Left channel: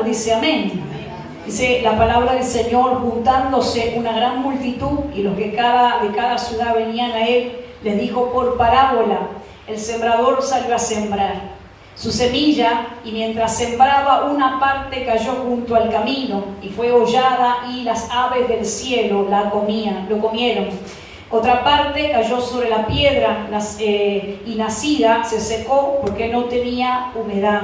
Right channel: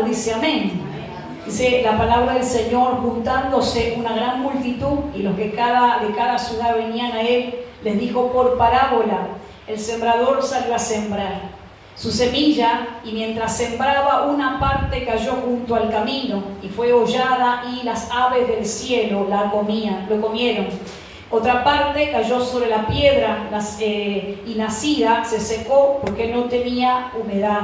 encontrado, dice amén. Dice la palabra del Señor: juntándose una gran multitud y los que de cada ciudad venían a él, les dijo por parábola: el sembrador salió a sembrar su semilla, y mientras sembraba, una parte cayó junto al camino y fue hollada, y las aves del cielo lo comieron. Otra parte cayó sobre la piedra y nacida se secó porque no tenía humedad.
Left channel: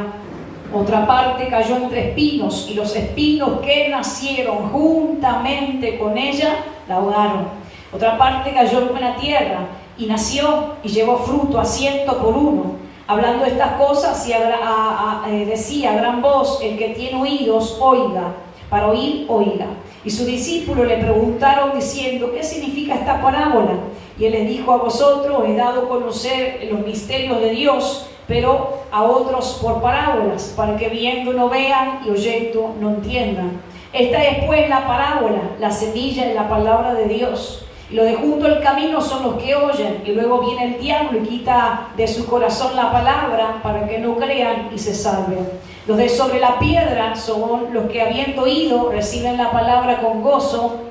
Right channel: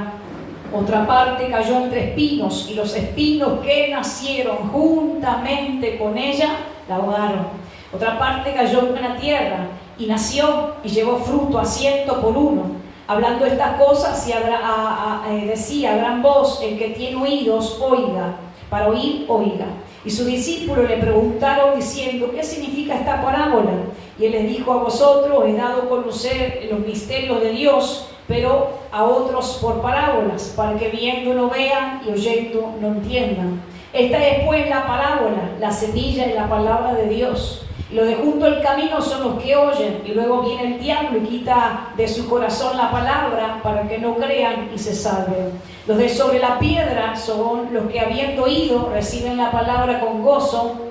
Otra parte cayó entre espinos, y los espinos que nacieron juntamente con ella la ahogaron. Otra parte cayó en buena tierra y nació y llevó fruto a 100 por 1. Hablando estas cosas, decía a gran voz: el que tiene oídos, oiga. Para oír, oiga. Y sus discípulos le preguntaron diciendo: ¿qué significa esta parábola? Y él les dijo: a vosotros he dado a conocer los misterios de Dios, pero a otros por parábolas, para que viendo no vean y oyendo no entiendan. Esta es pues la parábola: la semilla es la palabra de Dios. Y los de junto al camino son los que oyen, y luego viene el diablo y quita de su corazón la palabra, para que no crean y se salven. Los de sobre la piedra son los que, habiendo oído, reciben la palabra con gozo,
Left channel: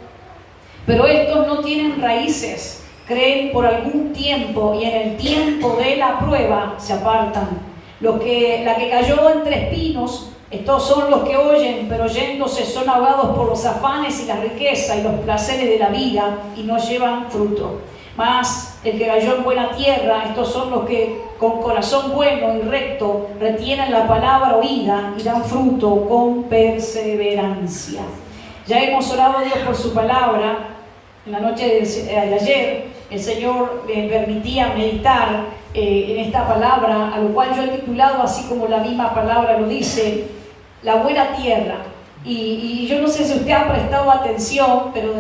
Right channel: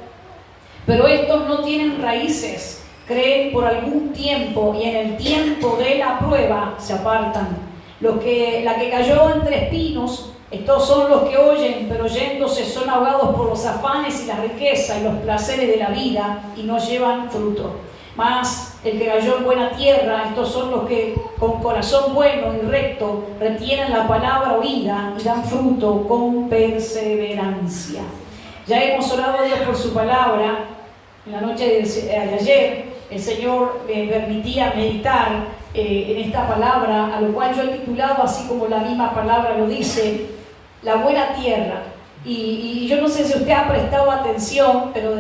pero estos no tienen raíces, creen por algún tiempo, y en el tiempo de la prueba se apartan. La que cayó entre espinos, estos son los que oyen, pero oyéndose son ahogados por los afanes y la riqueza y los placeres de la vida, y no llevan fruto. Mas el que cayó en buena tierra, estos son los que con corazón bueno y recto retienen la palabra oída y dan fruto con perseverancia. Ya hemos orado a Dios por su palabra. En la noche de ayer el Señor me permitía meditar en esta palabra, a lo cual yo he titulado, así como la misma palabra lo dice, la buena tierra. Y yo no sé si usted ha prestado atención, pero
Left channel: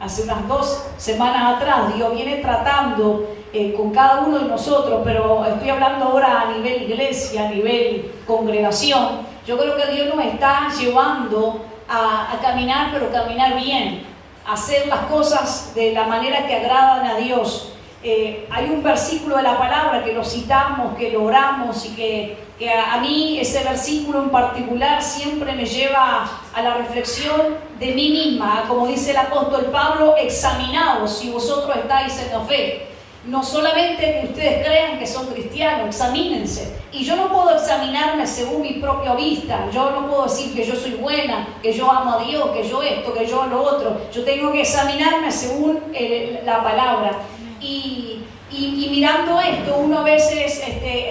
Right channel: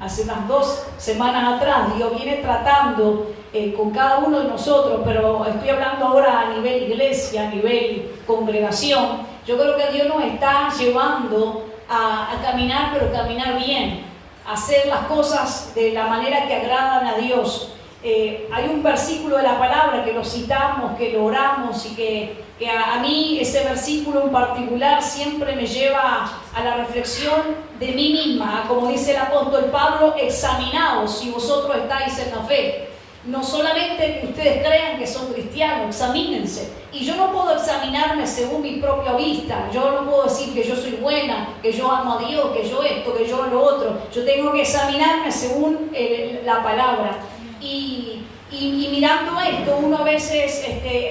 hace unas 2 semanas atrás Dios viene tratando con cada uno de nosotros, pero estoy hablando ahora a nivel iglesia, a nivel congregación. Yo creo que Dios nos está llevando a caminar, pero caminar bien, a hacer las cosas de la manera que agradan a Dios. Hay un versículo de la palabra que lo citamos, que lo oramos, y que a mí ese versículo en particular siempre me lleva a la reflexión de mí misma, como dice el apóstol Pablo: examinaos si vosotros estáis en la fe. No solamente que ustedes crean que son cristianos, examínense. Y yo no puedo examinarme según mi propia vista. Yo no puedo decir que yo soy buena, que yo amo a Dios, que yo esto, que yo lo otro. Yo tengo que examinarme según la palabra. Y mirando esto, uno a veces,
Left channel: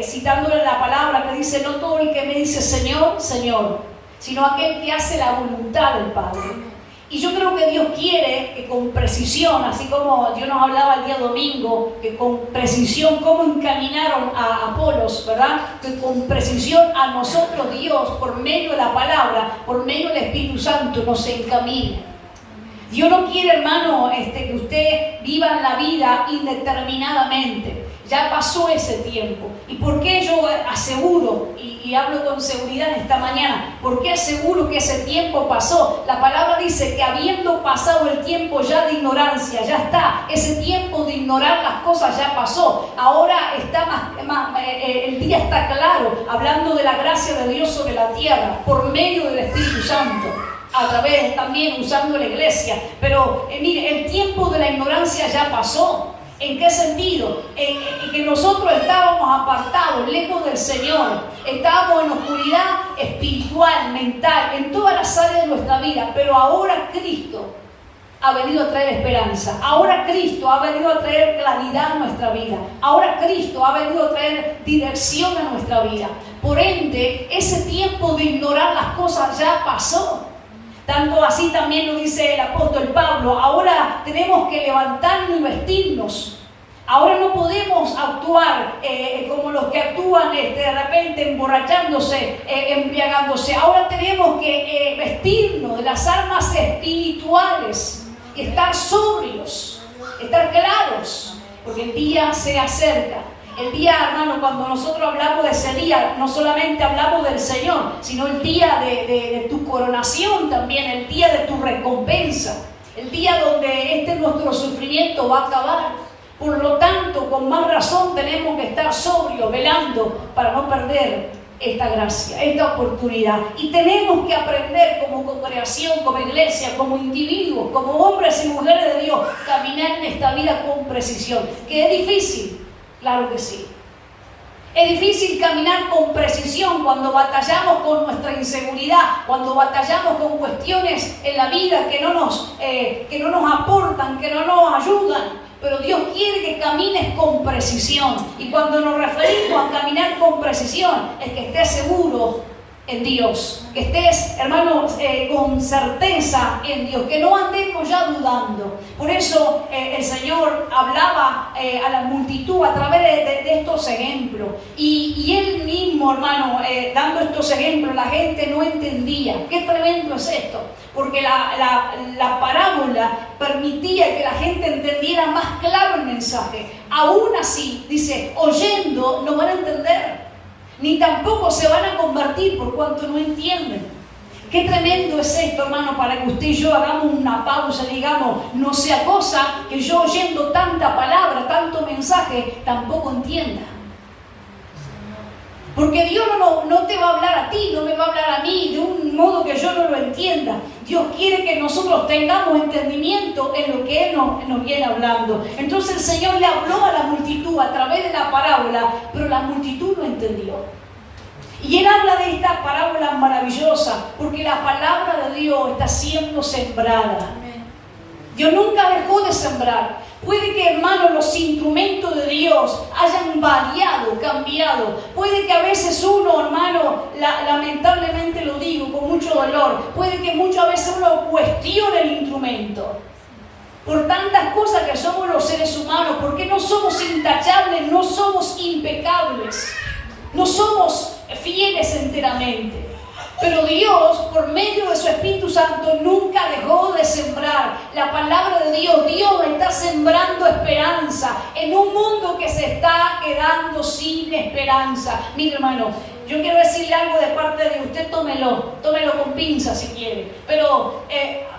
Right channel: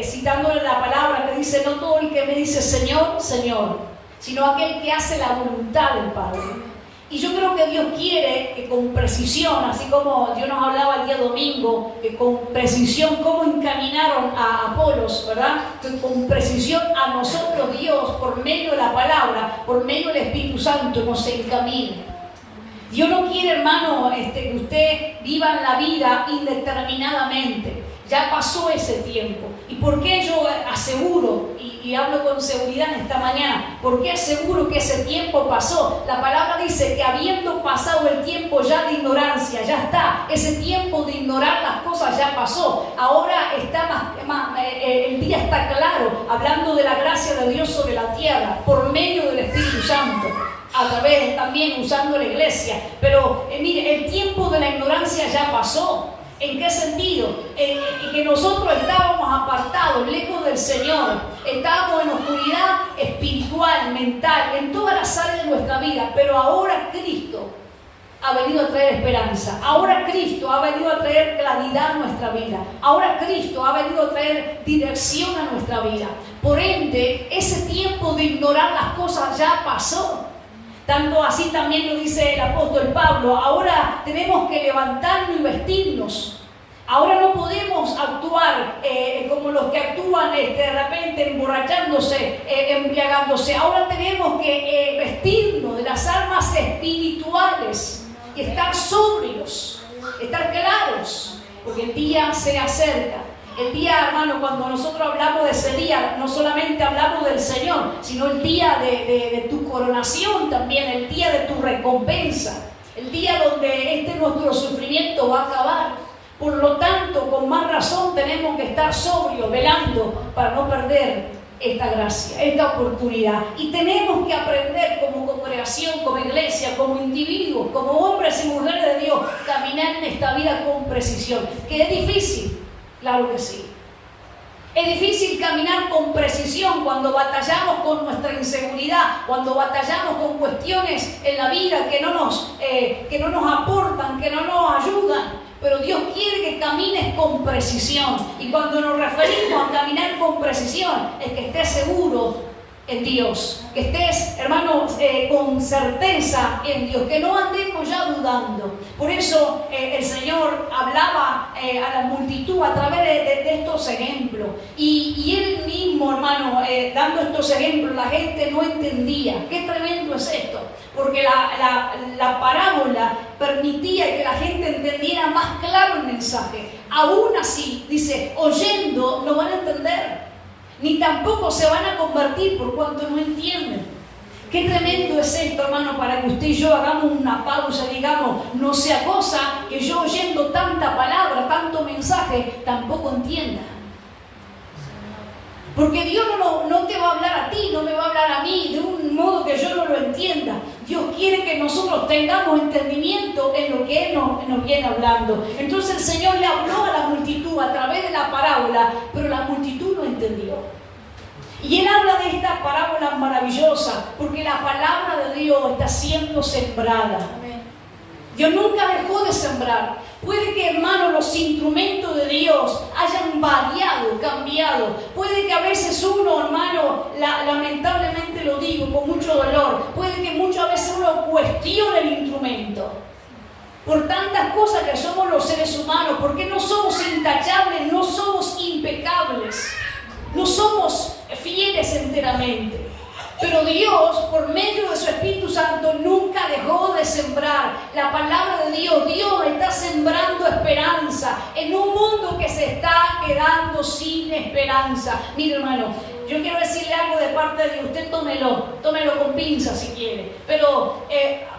citándole la palabra, me dice: no todo el que me dice Señor, Señor, sino aquel que hace la voluntad del Padre. Y yo creo que Dios quiere que con precisión, así como Dios nos hablaba el día domingo, que con precisión, cómo encaminaron a Apolos, ¿verdad? Que con precisión a nosotros Dios, por medio de la palabra, por medio del Espíritu Santo, nos encamine. Dios no quiere, hermano, que usted viva en la vida indeterminadamente. Ya pasó ese tiempo. ¿Y por qué yo aseguro, y hablo con seguridad esta mañana, por qué aseguro que ese tiempo pasó? La palabra dice que habiendo pasado el tiempo ya de ignorancia, ya está. Ese tiempo de ignorar las cosas ya pasó. Ahora está el día está claro, hablando de la gracia de Dios sobre la tierra, por medio del Espíritu Santo. A través también usando la iglesia. Pero mire, el tiempo de la ignorancia ya pasó. ¿En qué sentido? En que nosotros estábamos apartados, lejos del Señor. Estábamos en oscuridad espiritual, mental, en todas las áreas de nuestra vida. Pero ahora Cristo ha venido a traer esperanza. Ahora Cristo ha venido a traer claridad a nuestra vida. Ahora Cristo ha venido a traer dirección a nuestra vida. Por ende, ese tiempo de ignorar las cosas ya pasó. Tanto así también lo dice el apóstol Pablo: ahora tenemos que levantarnos y vestirnos. Ahora no podemos actuar como los que actúan de repente emborrachándose, embriagándose. Ahora tenemos que vestirnos de las armas espirituales y estar sobrios, estar claros, porque el día se acerca. El día, hermano, cuando nosotros hablamos de ese día, no solamente hablamos del Señor, sino el día de tu coronación también, el día de tu recompensa, el día donde nuestro sufrimiento va a acabar. Por lo tanto, con más razón tenemos que estar sobrios, velando, para no perder esta gracia, esta oportunidad. Y tenemos que aprender como congregación, como iglesia, como individuos, como hombres y mujeres de Dios, caminar en esta vida con precisión. ¿Que es difícil? Claro que sí. Es difícil caminar con precisión cuando batallamos con nuestra inseguridad, cuando batallamos con cuestiones en la vida que no nos aportan, que no nos ayudan. Pero Dios quiere que camines con precisión. Y cuando nos referimos a caminar con precisión, es que estés seguro en Dios. Que estés, hermanos, con certeza en Dios. Que no andemos ya dudando. Por eso el Señor hablaba a la multitud a través de estos ejemplos. Y Él mismo, hermano, dando estos ejemplos, la gente no entendía. Qué tremendo es esto. Porque la parábola permitía que la gente entendiera más claro el mensaje. Aún así, dice, oyendo no van a entender, ni tampoco se van a convertir por cuanto no entienden. Qué tremendo es esto, hermano, para que usted y yo hagamos una pausa y digamos, no sea cosa que yo oyendo tanta palabra, tanto mensaje, tampoco entienda. Porque Dios no te va a hablar a ti, no me va a hablar a mí de un modo que yo no lo entienda. Dios quiere que nosotros tengamos entendimiento en lo que Él nos viene hablando. Entonces el Señor le habló a la multitud a través de la parábola, pero la multitud no entendió. Y Él habla de esta parábola maravillosa, porque la palabra de Dios está siendo sembrada. Dios nunca dejó de sembrar. Puede que, hermano, los instrumentos de Dios hayan variado, cambiado. Puede que a veces uno, hermano, lamentablemente lo digo con mucho dolor, puede que muchas veces uno cuestione el instrumento. Por tantas cosas que somos los seres humanos, porque no somos intachables, no somos impecables, no somos fieles enteramente. Pero Dios, por medio de su Espíritu Santo, nunca dejó de sembrar la palabra de Dios. Dios está sembrando esperanza en un mundo que se está quedando sin esperanza. Mire, hermano, yo quiero decirle algo de parte de usted, tómelo con pinzas si quiere. Pero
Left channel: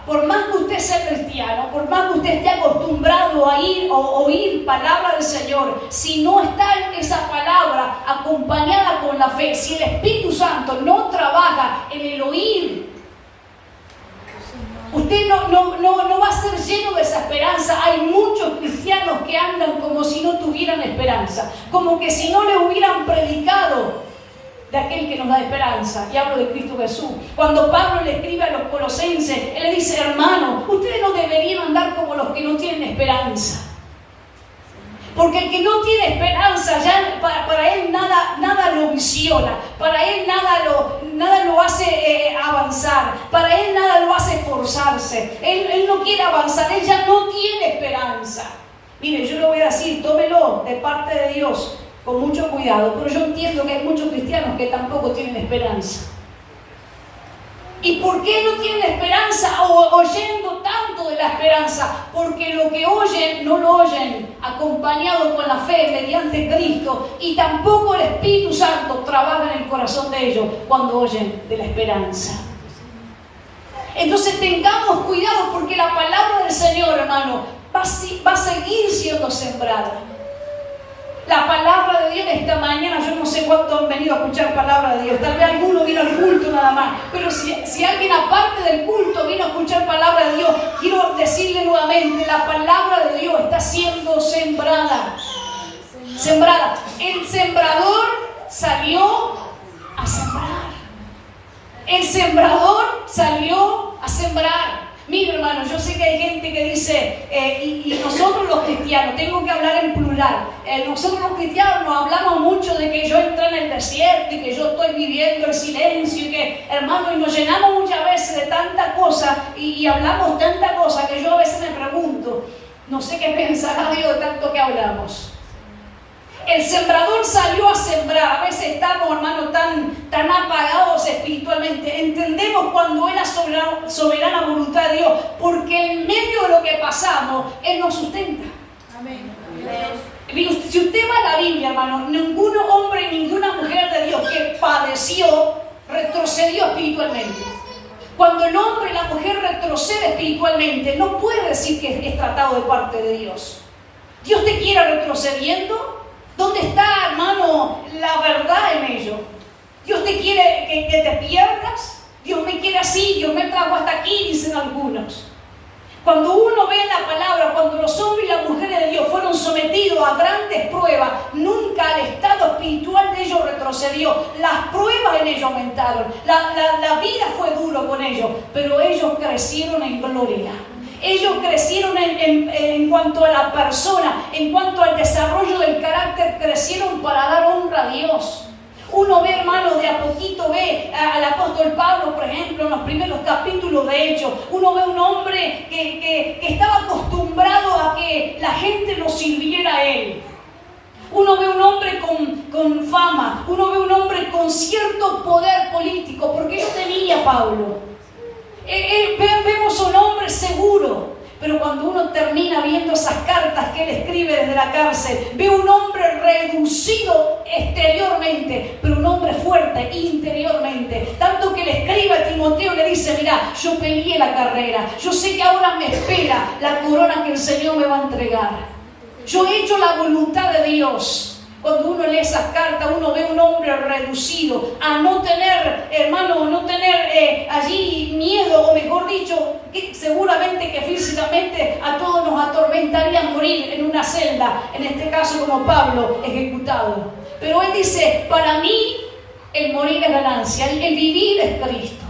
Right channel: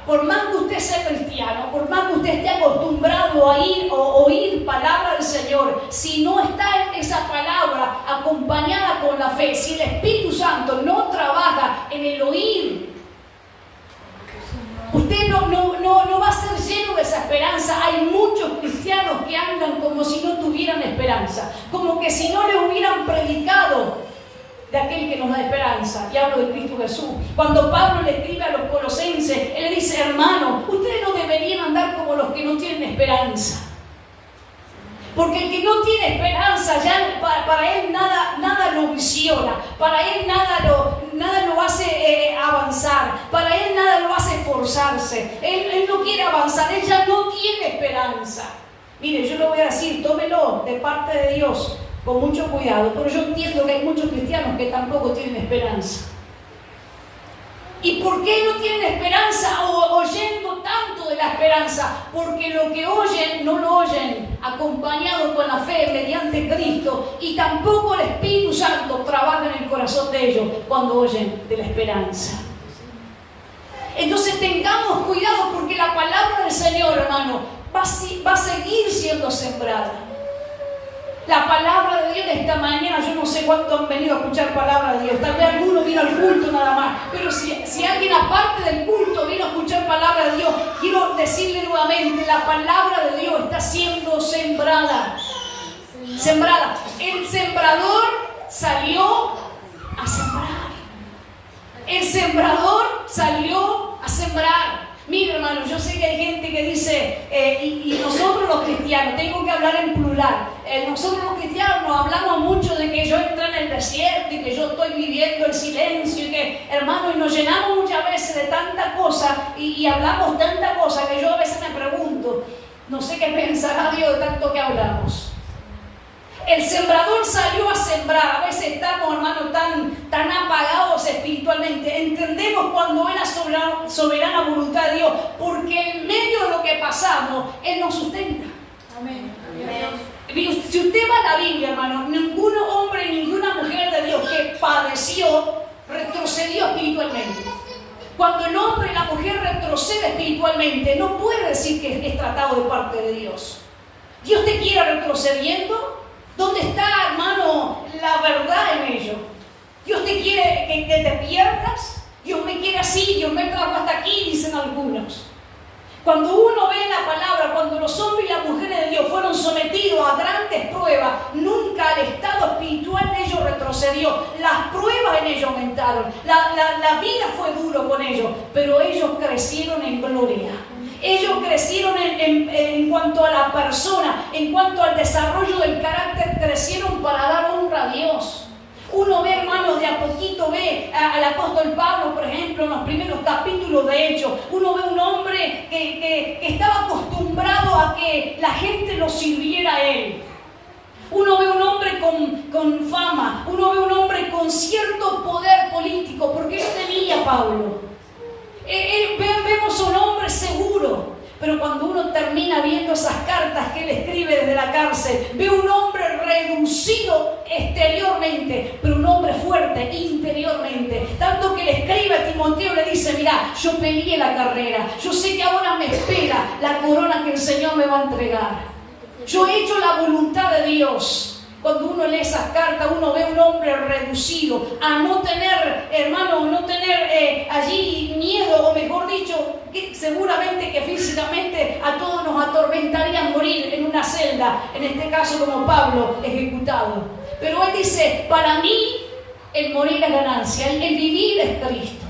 por más que usted sea cristiano, por más que usted esté acostumbrado a oír palabra del Señor, si no está en esa palabra acompañada con la fe, si el Espíritu Santo no trabaja en el oír, usted no va a ser lleno de esa esperanza. Hay muchos cristianos que andan como si no tuvieran esperanza, como que si no le hubieran predicado de aquel que nos da esperanza, y hablo de Cristo Jesús. Cuando Pablo le escribe a los colosenses, él le dice, hermano, ustedes no deberían andar como los que no tienen esperanza. Porque el que no tiene esperanza, ya para él nada lo visiona, para él nada lo hace avanzar, para él nada lo hace esforzarse. Él no quiere avanzar, él ya no tiene esperanza. Mire, yo lo voy a decir, tómelo de parte de Dios con mucho cuidado, pero yo entiendo que hay muchos cristianos que tampoco tienen esperanza. ¿Y por qué no tienen esperanza oyendo tanto de la esperanza? Porque lo que oyen, no lo oyen acompañado con la fe mediante Cristo, y tampoco el Espíritu Santo trabaja en el corazón de ellos cuando oyen de la esperanza. Entonces tengamos cuidado, porque la palabra del Señor, hermano, va a seguir siendo sembrada. La palabra de Dios esta mañana, yo no sé cuántos han venido a escuchar palabra de Dios, tal vez alguno vino al culto nada más, pero si alguien aparte del culto vino a escuchar palabra de Dios, quiero decirle nuevamente, la palabra de Dios está siendo sembrada. Sembrada. El sembrador salió a sembrar. El sembrador salió a sembrar. Mira, hermano, yo sé que hay gente que dice, y nosotros los cristianos, tengo que hablar en plural, nosotros los cristianos nos hablamos mucho de que yo entré en el desierto y que yo estoy viviendo el silencio y que, hermano, y nos llenamos muchas veces de tanta cosa y hablamos tanta cosa que yo a veces me pregunto, no sé qué pensará Dios de tanto que hablamos. El sembrador salió a sembrar. A veces estamos, hermanos, tan apagados espiritualmente. Entendemos cuando es la soberana voluntad de Dios, porque en medio de lo que pasamos, Él nos sustenta. Amén. Si usted va a la Biblia, hermano, ningún hombre, ninguna mujer de Dios que padeció, retrocedió espiritualmente. Cuando el hombre y la mujer retrocede espiritualmente, no puede decir que es tratado de parte de Dios. Dios te quiere retrocediendo. ¿Dónde está, hermano, la verdad en ello? Dios te quiere que te pierdas. Dios me quiere así, Dios me trajo hasta aquí, dicen algunos. Cuando uno ve la palabra, cuando los hombres y las mujeres de Dios fueron sometidos a grandes pruebas, nunca el estado espiritual de ellos retrocedió. Las pruebas en ellos aumentaron. La vida fue duro con ellos, pero ellos crecieron en gloria. Ellos crecieron en cuanto a la persona, en cuanto al desarrollo del carácter, crecieron para dar honra a Dios. Uno ve, hermano, de a poquito ve al apóstol Pablo, por ejemplo, en los primeros capítulos de Hechos. Uno ve un hombre que estaba acostumbrado a que la gente lo sirviera a él. Uno ve un hombre con fama, uno ve un hombre con cierto poder político, porque él tenía Pablo. Vemos un hombre seguro. Pero cuando uno termina viendo esas cartas que él escribe desde la cárcel, ve un hombre reducido exteriormente, pero un hombre fuerte interiormente. Tanto que le escribe a Timoteo y le dice: mira, yo peleé la carrera, yo sé que ahora me espera la corona que el Señor me va a entregar. Yo he hecho la voluntad de Dios. Cuando uno lee esas cartas, uno ve un hombre reducido a no tener, hermano, no tener allí miedo, o mejor dicho, que seguramente que físicamente a todos nos atormentaría morir en una celda, en este caso como Pablo, ejecutado. Pero él dice: para mí el morir es ganancia, el vivir es Cristo.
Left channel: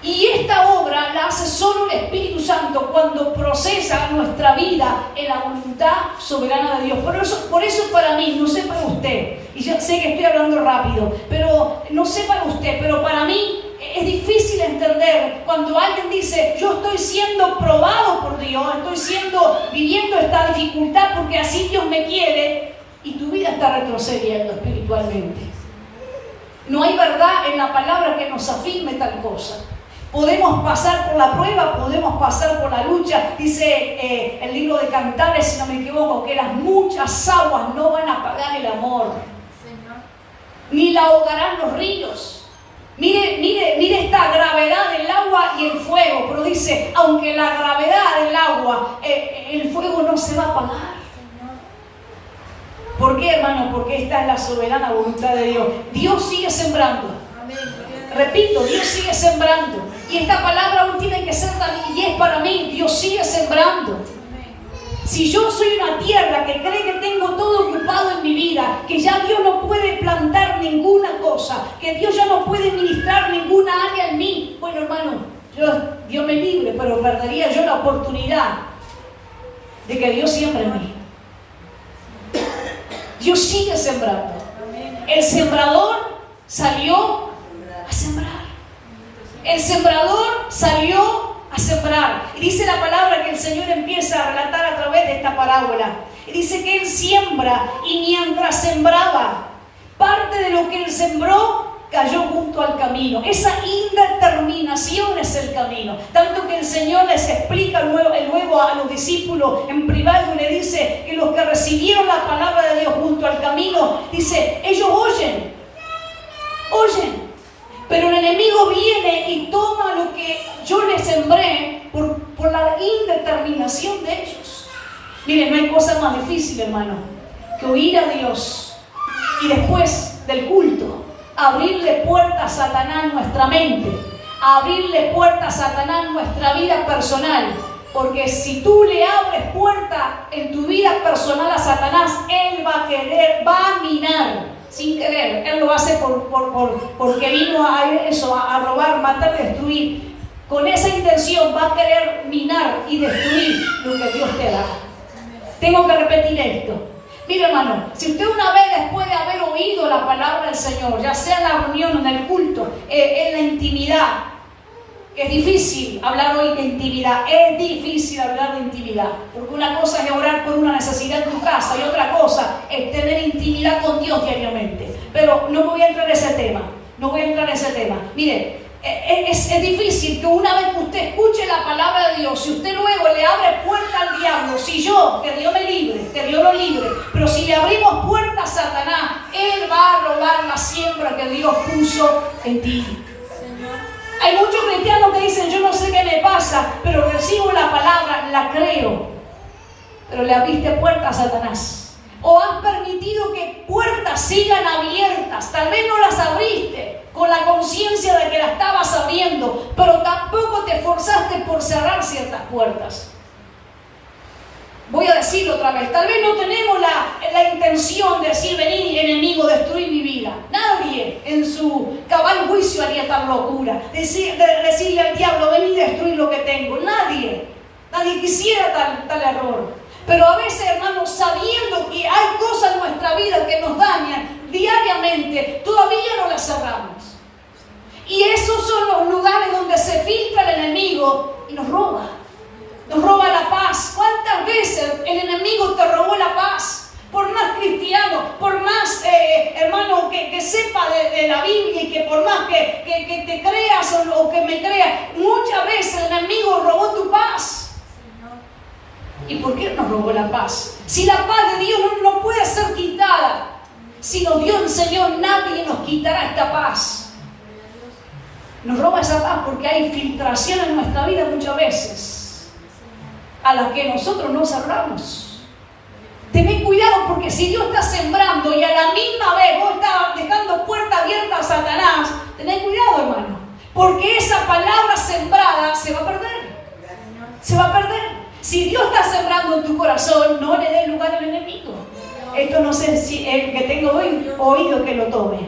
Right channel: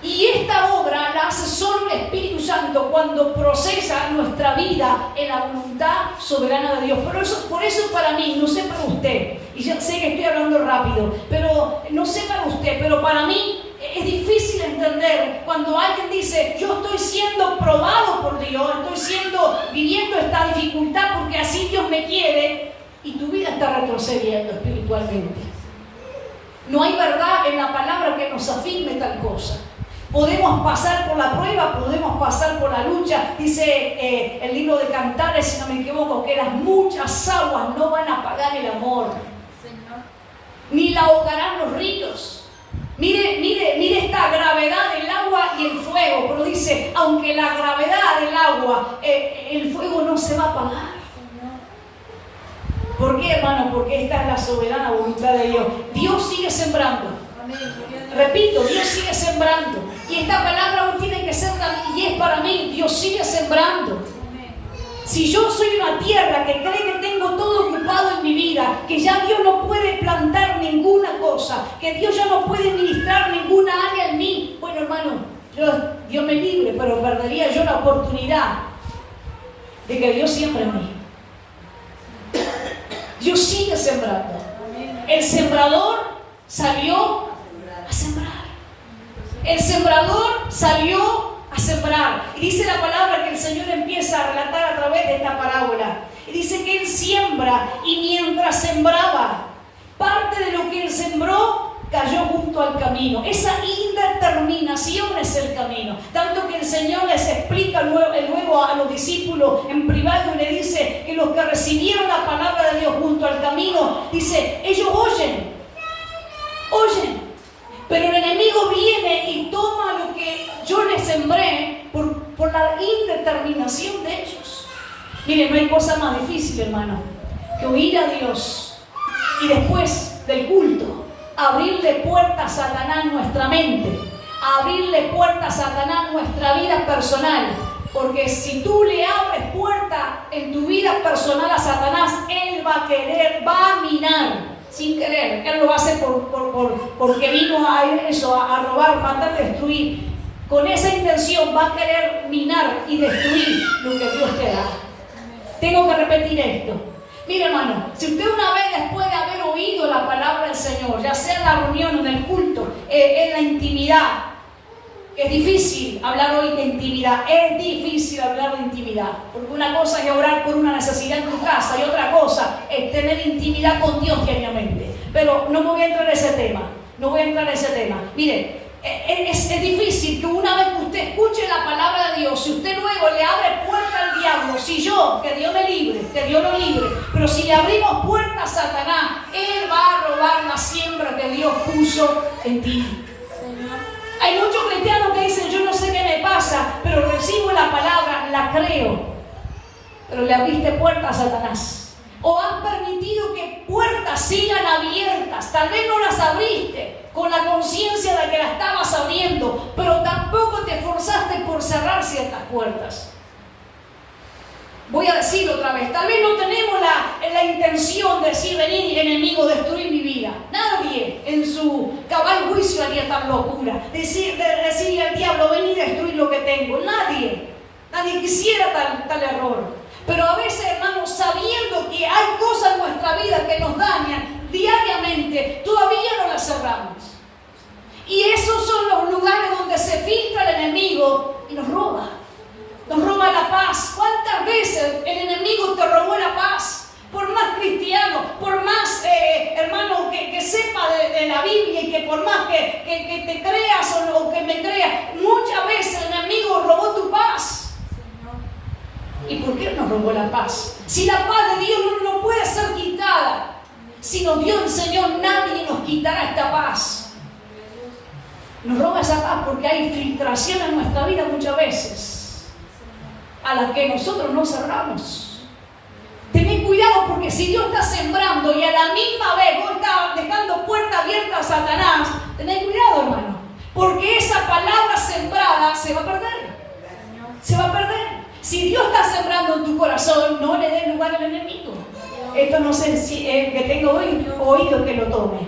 Y esta obra la hace solo el Espíritu Santo cuando procesa nuestra vida en la voluntad soberana de Dios. Por eso para mí, no sé para usted, y yo sé que estoy hablando rápido, pero no sé para usted, pero para mí es difícil entender cuando alguien dice: yo estoy siendo probado por Dios, viviendo esta dificultad porque así Dios me quiere, y tu vida está retrocediendo espiritualmente. No hay verdad en la palabra que nos afirme tal cosa. Podemos pasar por la prueba, podemos pasar por la lucha. Dice el libro de Cantares, si no me equivoco, que las muchas aguas no van a apagar el amor, ni la ahogarán los ríos. Mire esta gravedad del agua y el fuego. Pero dice: aunque la gravedad del agua, el fuego no se va a apagar. ¿Por qué, hermano? Porque esta es la soberana voluntad de Dios. Dios sigue sembrando. Repito, Dios sigue sembrando. Y esta palabra aún tiene que ser también, y es para mí: Dios sigue sembrando. Si yo soy una tierra que cree que tengo todo ocupado en mi vida, que ya Dios no puede plantar ninguna cosa, que Dios ya no puede ministrar ninguna área en mí, bueno, hermano, Dios me libre, pero perdería yo la oportunidad de que Dios siembre en mí. Dios sigue sembrando. El sembrador salió a sembrar. El sembrador salió a sembrar. Y dice la palabra que el Señor empieza a relatar a través de esta parábola. Y dice que Él siembra, y mientras sembraba, parte de lo que Él sembró cayó junto al camino. Esa indeterminación es el camino. Tanto que el Señor les explica luego a los discípulos en privado, y le dice que los que recibieron la palabra de Dios junto al camino, dice: ellos oyen, pero el enemigo viene y toma lo que yo les sembré por la indeterminación de ellos. Miren, no hay cosa más difícil, hermano, que oír a Dios y después del culto abrirle puertas a Satanás en nuestra mente, abrirle puertas a Satanás en nuestra vida personal. Porque si tú le abres puerta en tu vida personal a Satanás, él va a minar sin querer. Él lo hace porque vino a robar, matar, destruir. Con esa intención va a querer minar y destruir lo que Dios te da. Tengo que repetir esto. Mira, hermano, si usted una vez, después de haber oído la palabra del Señor, ya sea en la reunión, en el culto, en la intimidad, es difícil hablar hoy de intimidad, es difícil hablar de intimidad, porque una cosa es orar por una necesidad en tu casa y otra cosa es tener intimidad con Dios diariamente. Pero no voy a entrar en ese tema, Mire, es difícil que una vez que usted escuche la palabra de Dios, si usted luego le abre puerta al diablo, que Dios me libre, que Dios lo libre, pero si le abrimos puerta a Satanás, él va a robar la siembra que Dios puso en ti. Hay muchos cristianos que dicen: yo no sé qué me pasa, pero recibo la palabra, la creo. Pero le abriste puerta a Satanás. ¿O has permitido que puertas sigan abiertas? Tal vez no las abriste con la conciencia de que las estabas abriendo, pero tampoco te esforzaste por cerrar ciertas puertas. Voy a decirlo otra vez, tal vez no tenemos la intención de decir, vení enemigo, destruir mi vida. Nadie en su cabal juicio haría tal locura, de decirle al diablo, vení y destruir lo que tengo. Nadie quisiera tal error. Pero a veces, hermanos, sabiendo que hay cosas en nuestra vida que nos dañan diariamente, todavía no las cerramos. Y esos son los lugares donde se filtra el enemigo y nos roba. Nos roba la paz. ¿Cuántas veces el enemigo te robó la paz? Por más cristiano, por más hermano que sepa de la Biblia y que por más que te creas o que me creas, muchas veces el enemigo robó tu paz. ¿Y por qué nos robó la paz? Si la paz de Dios no puede ser quitada, si nos dio el Señor, nadie nos quitará esta paz. Nos roba esa paz porque hay filtración en nuestra vida muchas veces, a la que nosotros no cerramos. Tened cuidado, porque si Dios está sembrando y a la misma vez vos estás dejando puerta abierta a Satanás, tened cuidado, hermano, porque esa palabra sembrada se va a perder. Se va a perder. Si Dios está sembrando en tu corazón, no le dé lugar al enemigo. Esto no sé si el que tenga oído que lo tome.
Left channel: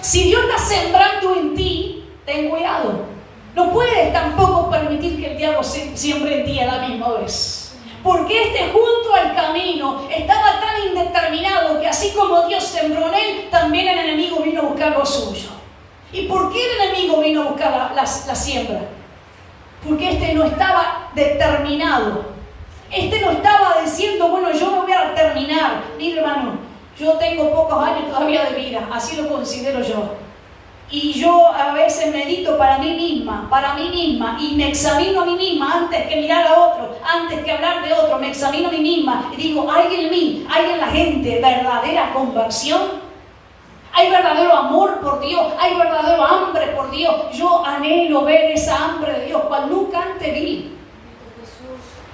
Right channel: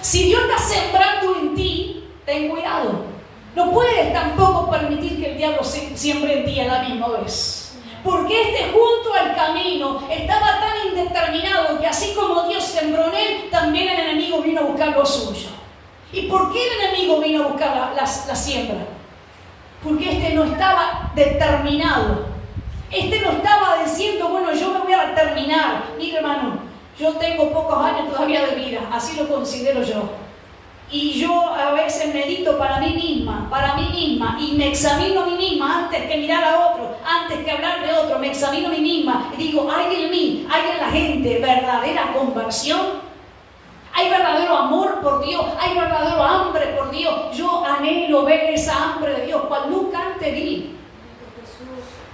Si Dios está sembrando en ti, ten cuidado. No puedes tampoco permitir que el diablo siembre en ti a la misma vez. Porque junto al camino estaba tan indeterminado que así como Dios sembró en él, también el enemigo vino a buscar lo suyo. ¿Y por qué el enemigo vino a buscar la siembra? Porque no estaba determinado. No estaba diciendo, bueno, yo me voy a terminar. Mire, hermano, yo tengo pocos años todavía de vida, así lo considero yo. Y yo a veces medito para mí misma, y me examino a mí misma antes que mirar a otro, antes que hablar de otro, me examino a mí misma y digo, ¿hay en mí, hay en la gente verdadera conversión? ¿Hay verdadero amor por Dios? ¿Hay verdadero hambre por Dios? Yo anhelo ver esa hambre de Dios, cual nunca antes vi.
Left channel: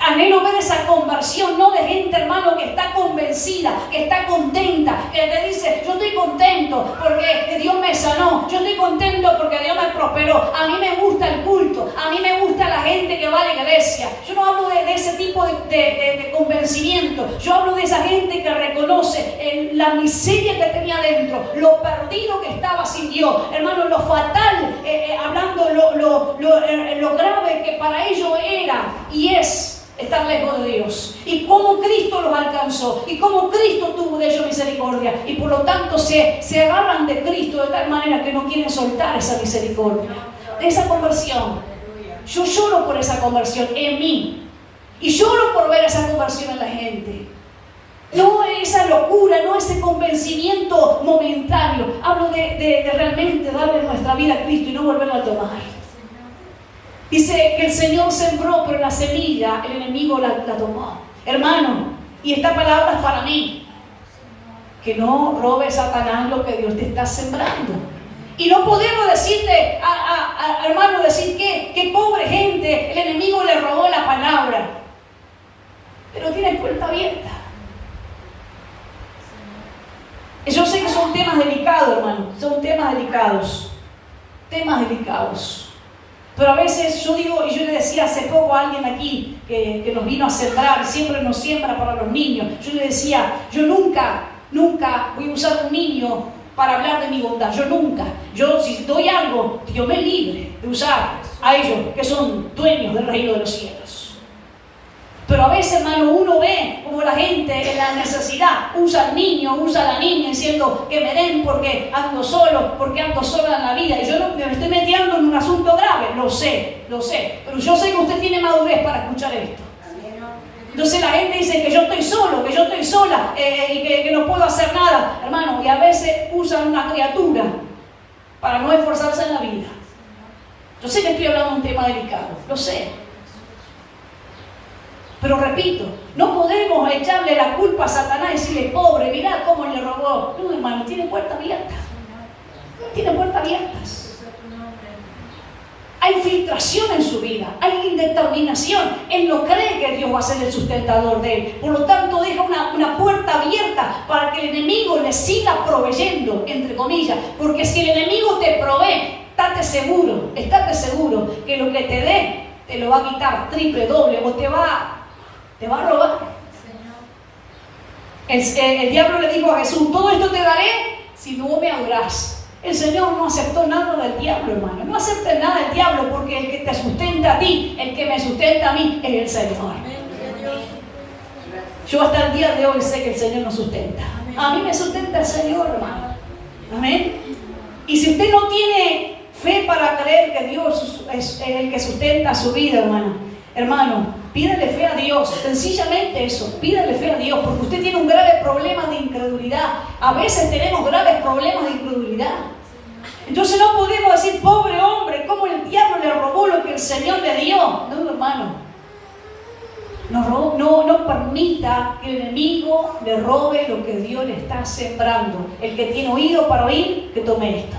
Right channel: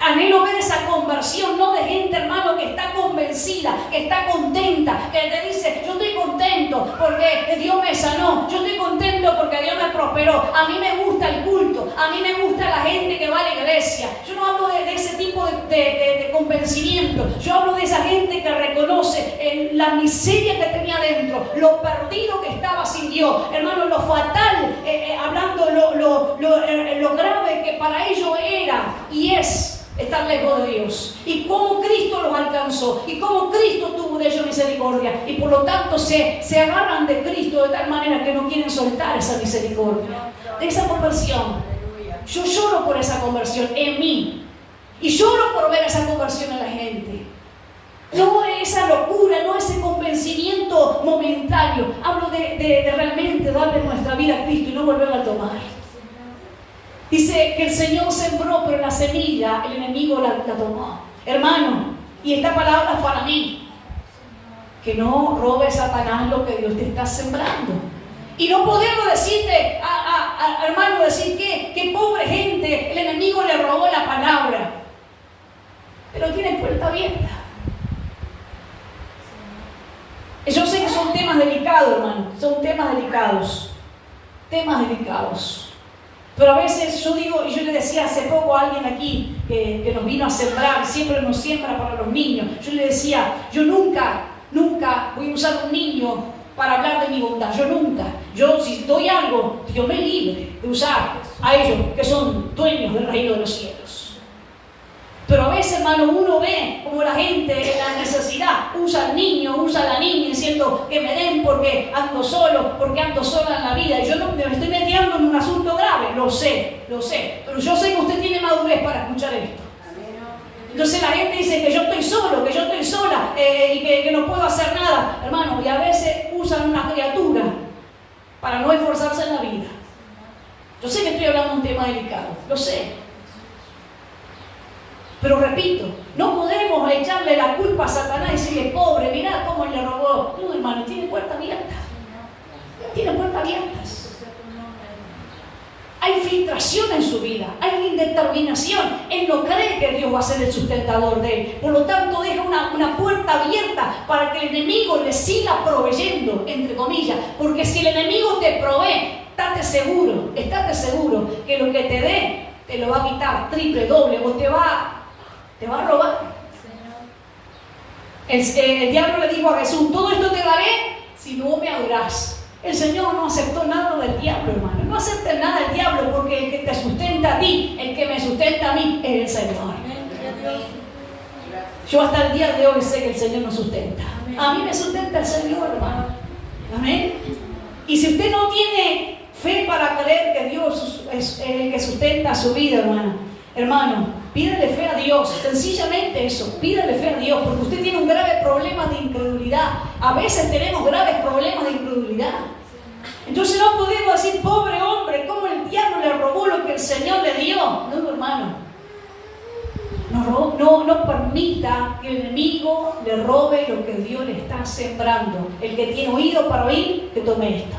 Anhelo ver esa conversión, no de gente, hermano, que está convencida, que está contenta, que te dice, yo estoy contento porque Dios me sanó, yo estoy contento porque Dios me prosperó, a mí me gusta el culto, a mí me gusta la gente que va a la iglesia. Yo no hablo de ese tipo de convencimiento, yo hablo de esa gente que reconoce la miseria que tenía dentro, lo perdido que estaba sin Dios, hermano, lo fatal, hablando lo grave que para ellos era y es estar lejos de Dios, y cómo Cristo los alcanzó, y cómo Cristo tuvo de ellos misericordia, y por lo tanto se agarran de Cristo de tal manera que no quieren soltar esa misericordia, de esa conversión. Yo lloro por esa conversión en mí, y lloro por ver esa conversión en la gente. No esa locura, no ese convencimiento momentáneo. Hablo de realmente darle nuestra vida a Cristo y no volverlo a tomar. Dice que el Señor sembró, pero la semilla el enemigo la tomó. Hermano, y esta palabra es para mí. Que no robe Satanás lo que Dios te está sembrando. Y no podemos decirte, hermano, decir que pobre gente, el enemigo le robó la palabra. Pero tiene puerta abierta. Yo sé que son temas delicados, hermano. Son temas delicados. Temas delicados. Pero a veces yo digo, y yo le decía hace poco a alguien aquí que nos vino a sembrar, siempre nos siembra para los niños. Yo le decía, yo nunca voy a usar un niño para hablar de mi bondad. Yo nunca. Yo si doy algo, Dios me libre de usar a ellos que son dueños del reino de los cielos. Pero a veces, hermano, uno ve como la gente en la necesidad usa al niño, usa a la niña diciendo que me den porque ando solo, porque ando sola en la vida. Y yo no me estoy metiendo en un asunto grave, lo sé. Pero yo sé que usted tiene madurez para escuchar esto. Entonces la gente dice que yo estoy solo, que yo estoy sola y que no puedo hacer nada. Hermano, y a veces usan una criatura para no esforzarse en la vida. Yo sé que estoy hablando de un tema delicado, lo sé. Pero repito, no podemos echarle la culpa a Satanás y decirle, pobre, mirá cómo le robó. No, hermano, tiene puertas abiertas. Tiene puertas abiertas. hay filtración en su vida, hay indeterminación. Él no cree que Dios va a ser el sustentador de él. Por lo tanto, deja una puerta abierta para que el enemigo le siga proveyendo, entre comillas. Porque si el enemigo te provee, estate seguro que lo que te dé, te lo va a quitar triple, doble, o te va a robar. El diablo le dijo a Jesús: todo esto te daré si no me adorás. El Señor no aceptó nada del diablo, hermano. No aceptes nada del diablo, porque el que te sustenta a ti, el que me sustenta a mí, es el Señor. Yo hasta el día de hoy sé que el Señor nos sustenta. A mí me sustenta el Señor, hermano. Amén. Y si usted no tiene fe para creer que Dios es el que sustenta su vida, hermano, pídele fe a Dios. Sencillamente eso, pídele fe a Dios, porque usted tiene un grave problema de incredulidad. A veces tenemos graves problemas de incredulidad. Entonces no podemos decir: pobre hombre, ¿cómo el diablo le robó lo que el Señor le dio? No, hermano. No permita que el enemigo le robe lo que Dios le está sembrando. El que tiene oído para oír, que tome esto.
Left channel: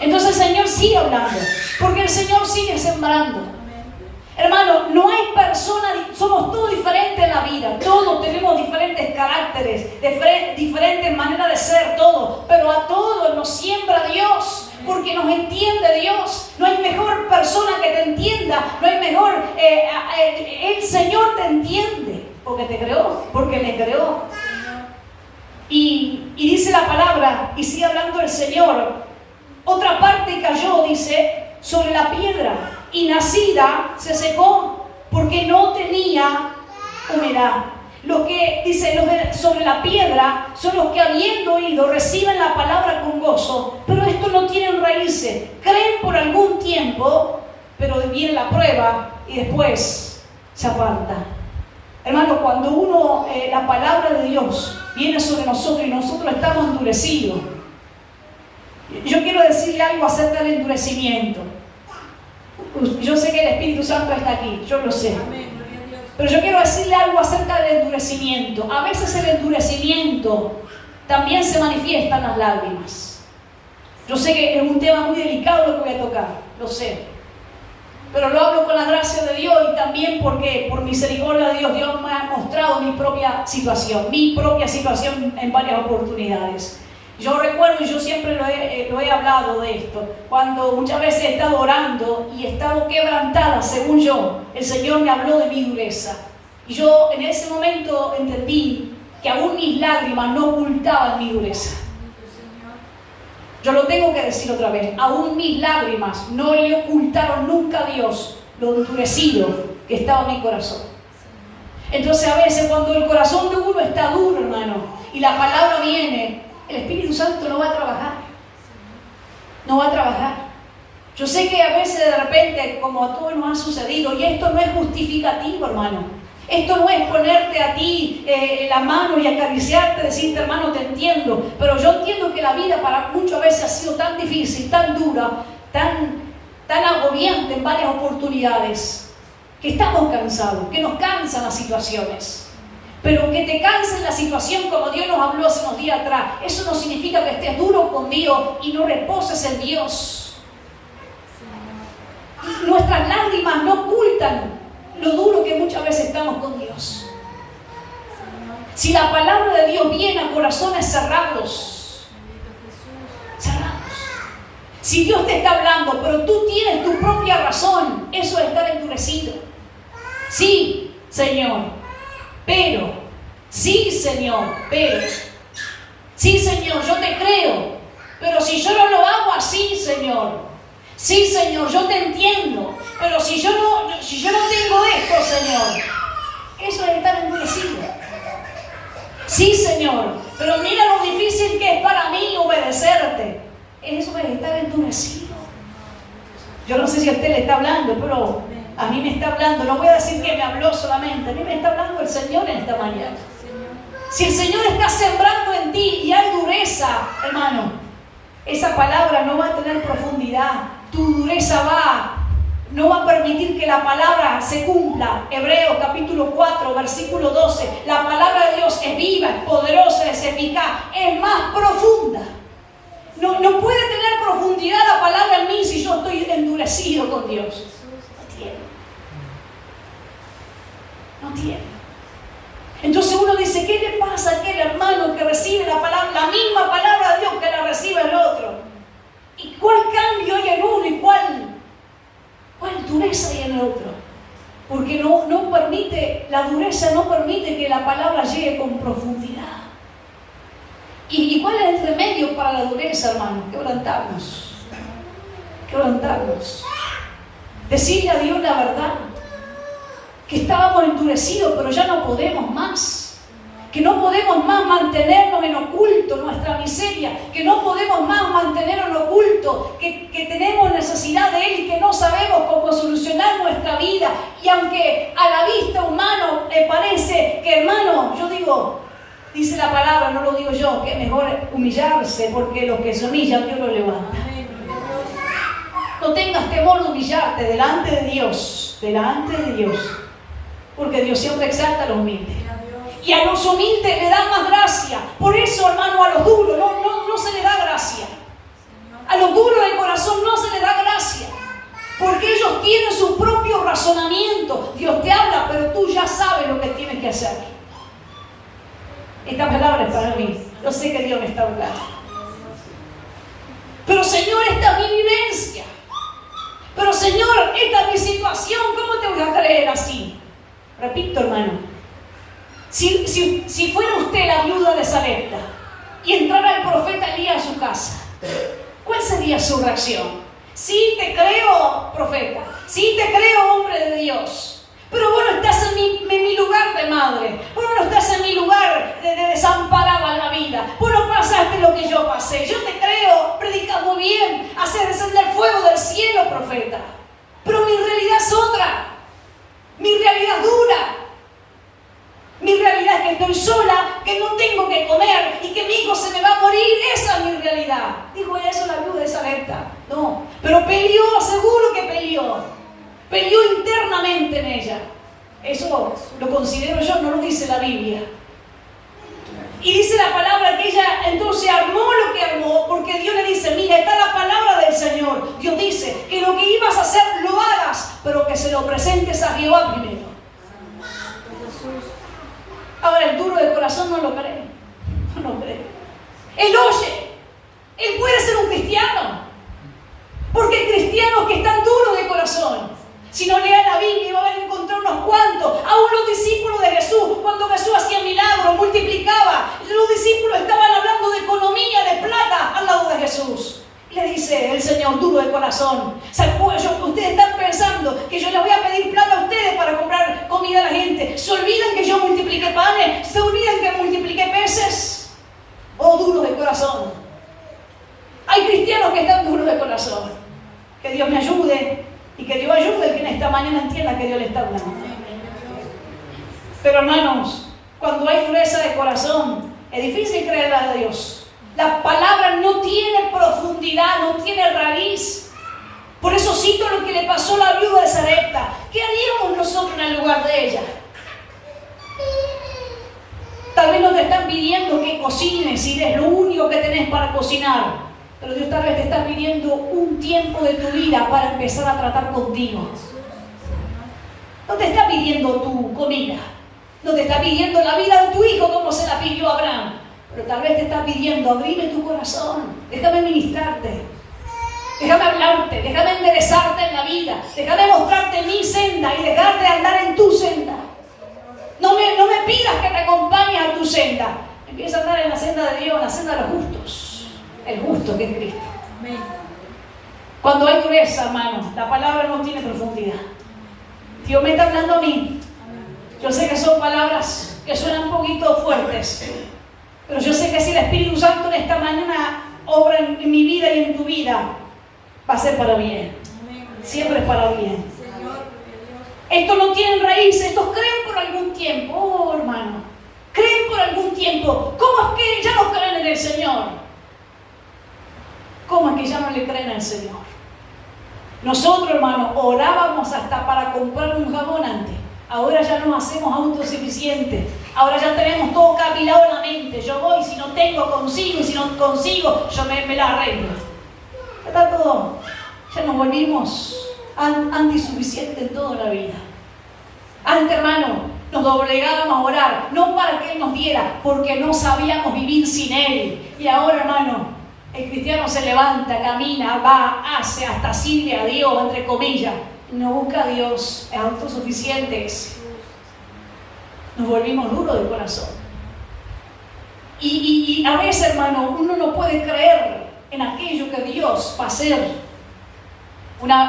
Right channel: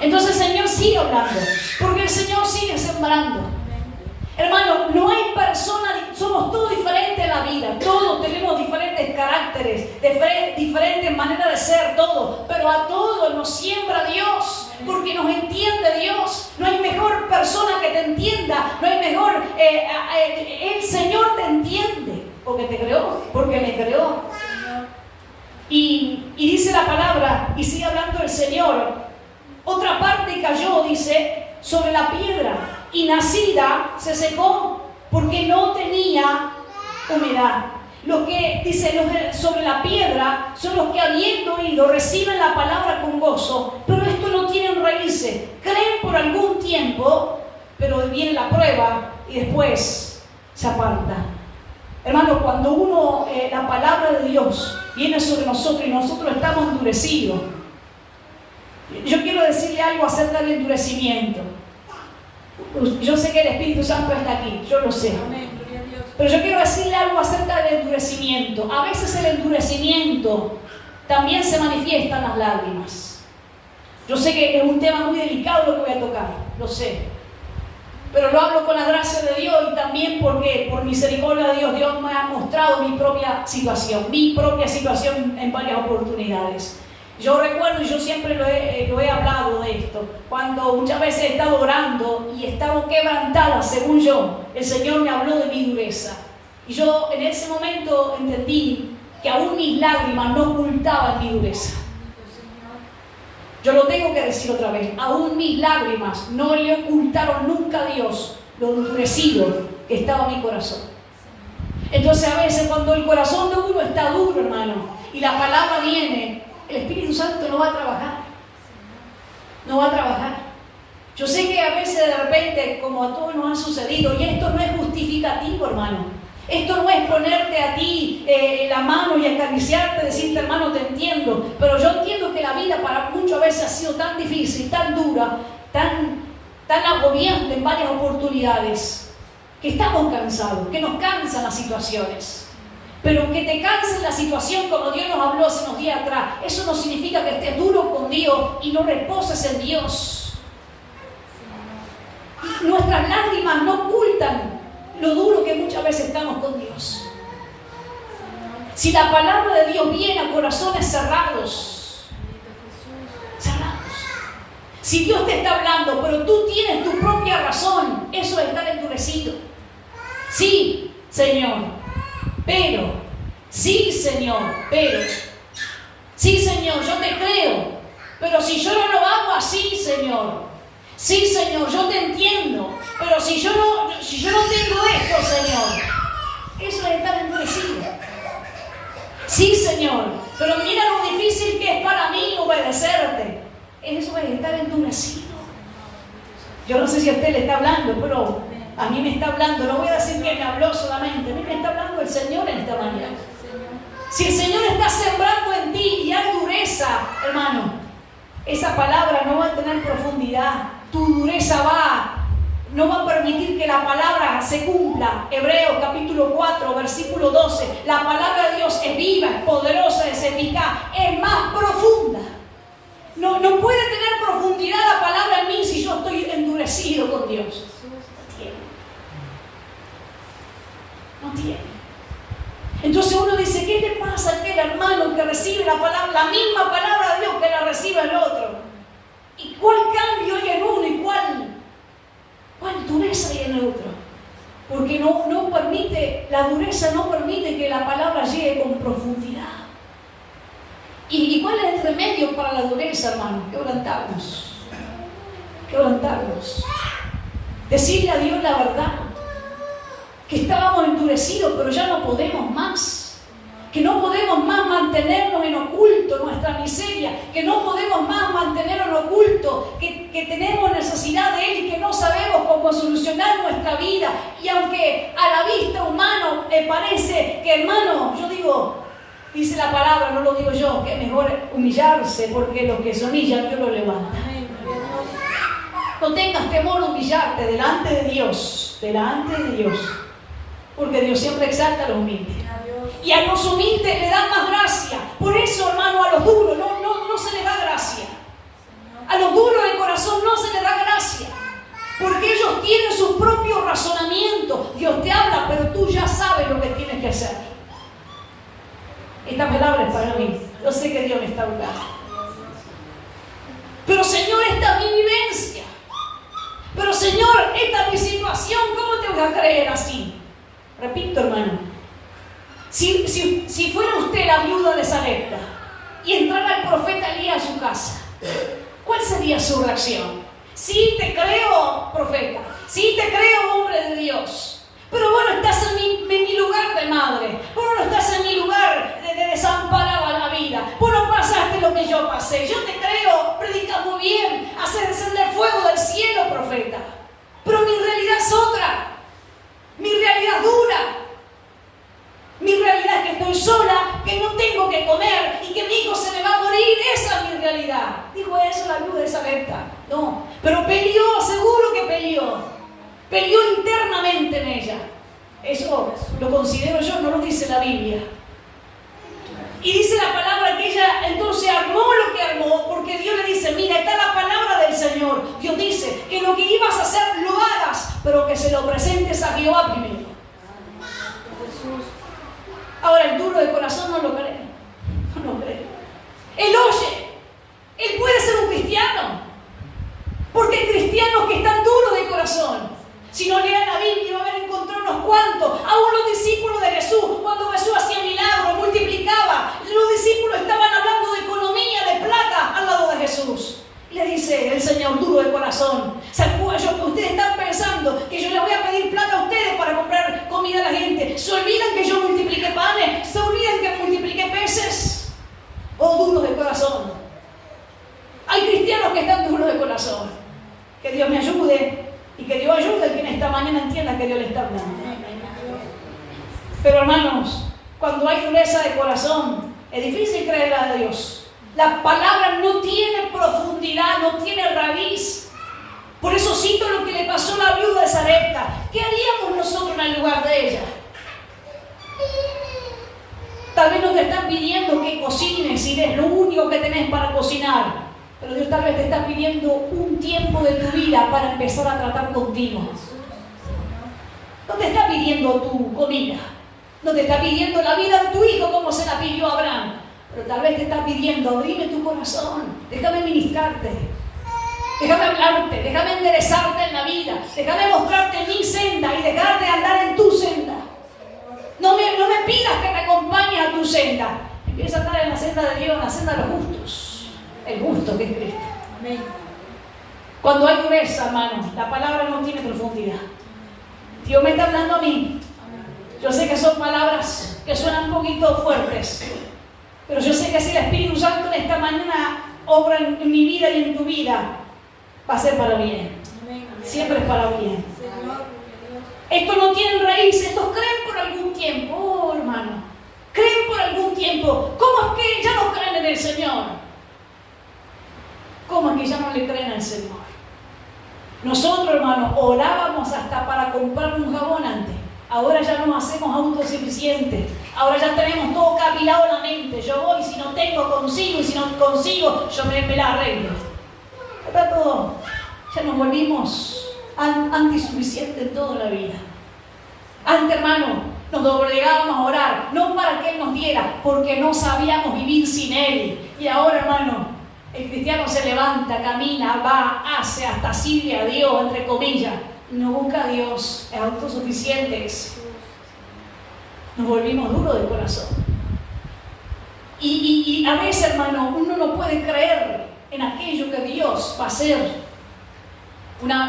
Entonces el Señor sigue hablando, porque el Señor sigue sembrando. Hermano, no hay personas, somos todos diferentes en la vida, todos tenemos diferentes caracteres, diferentes maneras de ser, todos, pero a todos nos siembra Dios, porque nos entiende Dios. No hay mejor persona que te entienda, no hay mejor, el Señor te entiende, porque te creó, porque me creó. Y dice la palabra, y sigue hablando el Señor: otra parte cayó, dice, sobre la piedra, y nacida se secó, porque no tenía humedad. Los que, dice, sobre la piedra son los que, habiendo oído, reciben la palabra con gozo, pero estos no tienen raíces. Creen por algún tiempo, pero viene la prueba y después se aparta. Hermano, cuando la palabra de Dios viene sobre nosotros y nosotros estamos endurecidos, yo quiero decirle algo acerca del endurecimiento. Yo sé que el Espíritu Santo está aquí, yo lo sé. Pero yo quiero decirle algo acerca del endurecimiento. A veces el endurecimiento también se manifiesta en las lágrimas. Yo sé que es un tema muy delicado lo que voy a tocar, lo sé. Pero lo hablo con la gracia de Dios, y también porque por misericordia de Dios, Dios me ha mostrado mi propia situación en varias oportunidades. Yo recuerdo, y yo siempre lo he hablado de esto, cuando muchas veces he estado orando y he estado quebrantada, según yo, el Señor me habló de mi dureza. Y yo en ese momento entendí que aún mis lágrimas no ocultaban mi dureza. Yo lo tengo que decir otra vez: aún mis lágrimas no le ocultaron nunca a Dios lo endurecido que estaba en mi corazón. Entonces a veces cuando el corazón de uno está duro, hermano, y la palabra viene, el Espíritu Santo no va a trabajar. No va a trabajar. Yo sé que a veces de repente, como a todos nos ha sucedido, y esto no es justificativo, hermano. Esto no es ponerte a ti la mano y acariciarte, decirte: hermano, te entiendo. Pero yo entiendo que la vida para muchas veces ha sido tan difícil, tan dura, tan agobiante en varias oportunidades, que estamos cansados, que nos cansan las situaciones. Pero que te canse la situación, como Dios nos habló hace unos días atrás, eso no significa que estés duro con Dios y no reposes en Dios. Nuestras lágrimas no ocultan lo duro que muchas veces estamos con Dios. Si la palabra de Dios viene a corazones cerrados, si Dios te está hablando, pero tú tienes tu propia razón, eso es estar endurecido. Sí, Señor. Pero, sí, Señor, sí, Señor, yo te creo, pero si yo no lo hago así, Señor, sí, Señor, yo te entiendo, pero si yo no tengo esto, Señor, eso es estar endurecido. Sí, Señor, pero mira lo difícil que es para mí obedecerte. Eso es estar endurecido. Yo no sé si a usted le está hablando, pero a mí me está hablando. No voy a decir que me habló solamente, a mí me está hablando el Señor en esta mañana. Si el Señor está sembrando en ti y hay dureza, hermano, esa palabra no va a tener profundidad. Tu dureza no va a permitir que la palabra se cumpla. Hebreos capítulo 4, versículo 12. La palabra de Dios es viva, es poderosa, es eficaz, es más profunda. No puede tener profundidad la palabra en mí si yo estoy endurecido Porque no permite, la dureza no permite que la palabra llegue con profundidad. ¿Y cuál es el remedio para la dureza, hermano? Quebrantarnos. Quebrantarnos. Decirle a Dios la verdad. Que estábamos endurecidos, pero ya no podemos más. Que no podemos más mantenernos en oculto nuestra miseria, que no podemos más mantener en oculto, que tenemos necesidad de Él y que no sabemos cómo solucionar nuestra vida. Y aunque a la vista humana le parece que, hermano, yo digo, dice la palabra, no lo digo yo, que es mejor humillarse, porque los que se humillan, Dios lo levanta. No tengas temor de humillarte delante de Dios, porque Dios siempre exalta a los humildes. Y a los humildes le da más gracia. Por eso, hermano, a los duros no se les da gracia. A los duros de corazón no se les da gracia. Porque ellos tienen su propio razonamiento. Dios te habla, pero tú ya sabes lo que tienes que hacer. Esta palabra es para mí. Yo sé que Dios me está hablando. Pero Señor, esta es mi vivencia. Pero Señor, esta es mi situación. ¿Cómo te voy a creer así? Repito, hermano. Si fuera usted la viuda de Sarepta y entrara el profeta Elías a su casa, ¿cuál sería su reacción? Sí, te creo, profeta. Sí, te creo, hombre de Dios. Pero vos no estás en mi lugar de madre. Vos no estás en mi lugar de desamparado en la vida. Vos no pasaste lo que yo pasé. Yo te creo, predicas muy bien, haces descender fuego del cielo, profeta. Pero mi realidad es otra. Mi realidad es dura. Mi realidad es que estoy sola, que no tengo que comer y que mi hijo se me va a morir. Esa es mi realidad. Dijo eso la viuda de Sarepta. No, pero peleó, seguro que peleó. Peleó internamente en ella. Eso lo considero yo, no lo dice la Biblia. Y dice la palabra que ella entonces armó lo que armó, porque Dios le dice, mira, está la palabra del Señor. Dios dice que lo que ibas a hacer lo hagas, pero que se lo presentes a Jehová primero. Ahora el duro de corazón no lo cree. No lo cree. Él oye. Él puede ser un cristiano. Porque hay cristianos que están duros de corazón. Si no leen la Biblia, van a encontrar unos cuantos. Aún los discípulos de Jesús, cuando Jesús hacía milagros, multiplicaba, los discípulos estaban hablando de economía, de plata, al lado de Jesús. Y le dice el Señor, duro de corazón. Ustedes están pensando que yo les voy a pedir plata a ustedes para comprar comida a la gente. ¿Se olvidan que yo multipliqué panes? ¿Se olvidan que multipliqué peces? Oh, duros de corazón. Hay cristianos que están duros de corazón. Que Dios me ayude y que Dios ayude a quien esta mañana entienda que Dios le está hablando. Pero hermanos, cuando hay dureza de corazón, es difícil creerle a Dios. La palabra no tiene profundidad, no tiene raíz. Por eso cito lo que le pasó a la viuda de Sarepta. ¿Qué haríamos nosotros en el lugar de ella? Tal vez no te están pidiendo que cocines y es lo único que tenés para cocinar. Pero Dios tal vez te está pidiendo un tiempo de tu vida para empezar a tratar contigo. No te está pidiendo tu comida. No te está pidiendo la vida de tu hijo como se la pidió a Abraham. Pero tal vez te está pidiendo, abrime tu corazón, déjame ministrarte, déjame hablarte, déjame enderezarte en la vida, déjame mostrarte mi senda y dejar de andar en tu senda. No me pidas que me acompañes a tu senda. Empieza a andar en la senda de Dios, en la senda de los justos. El justo que es Cristo. Amén. Cuando hay dureza, hermano, la palabra no tiene profundidad. Dios me está hablando a mí. Yo sé que son palabras que suenan un poquito fuertes. Pero yo sé que si el Espíritu Santo en esta mañana obra en mi vida y en tu vida, va a ser para bien. Siempre es para bien. Estos no tienen raíces, estos creen por algún tiempo. Oh, hermano, creen por algún tiempo. ¿Cómo es que ya no creen en el Señor? ¿Cómo es que ya no le creen al Señor? Nosotros, hermano, orábamos hasta para comprar un jabón antes. Ahora ya nos hacemos autosuficientes. Ahora ya tenemos todo capilado en la mente. Yo voy, si no tengo, consigo. Y si no consigo, yo me la arreglo. Está todo. Ya nos volvimos antisuficientes en toda la vida. Antes, hermano, nos doblegábamos a orar. No para que Él nos diera, porque no sabíamos vivir sin Él. Y ahora, hermano, el cristiano se levanta, camina, va, hace, hasta sirve a Dios, entre comillas. no busca a Dios, es autosuficientes, nos volvimos duros de corazón. Y a veces, hermano, uno no puede creer en aquello que Dios va a hacer.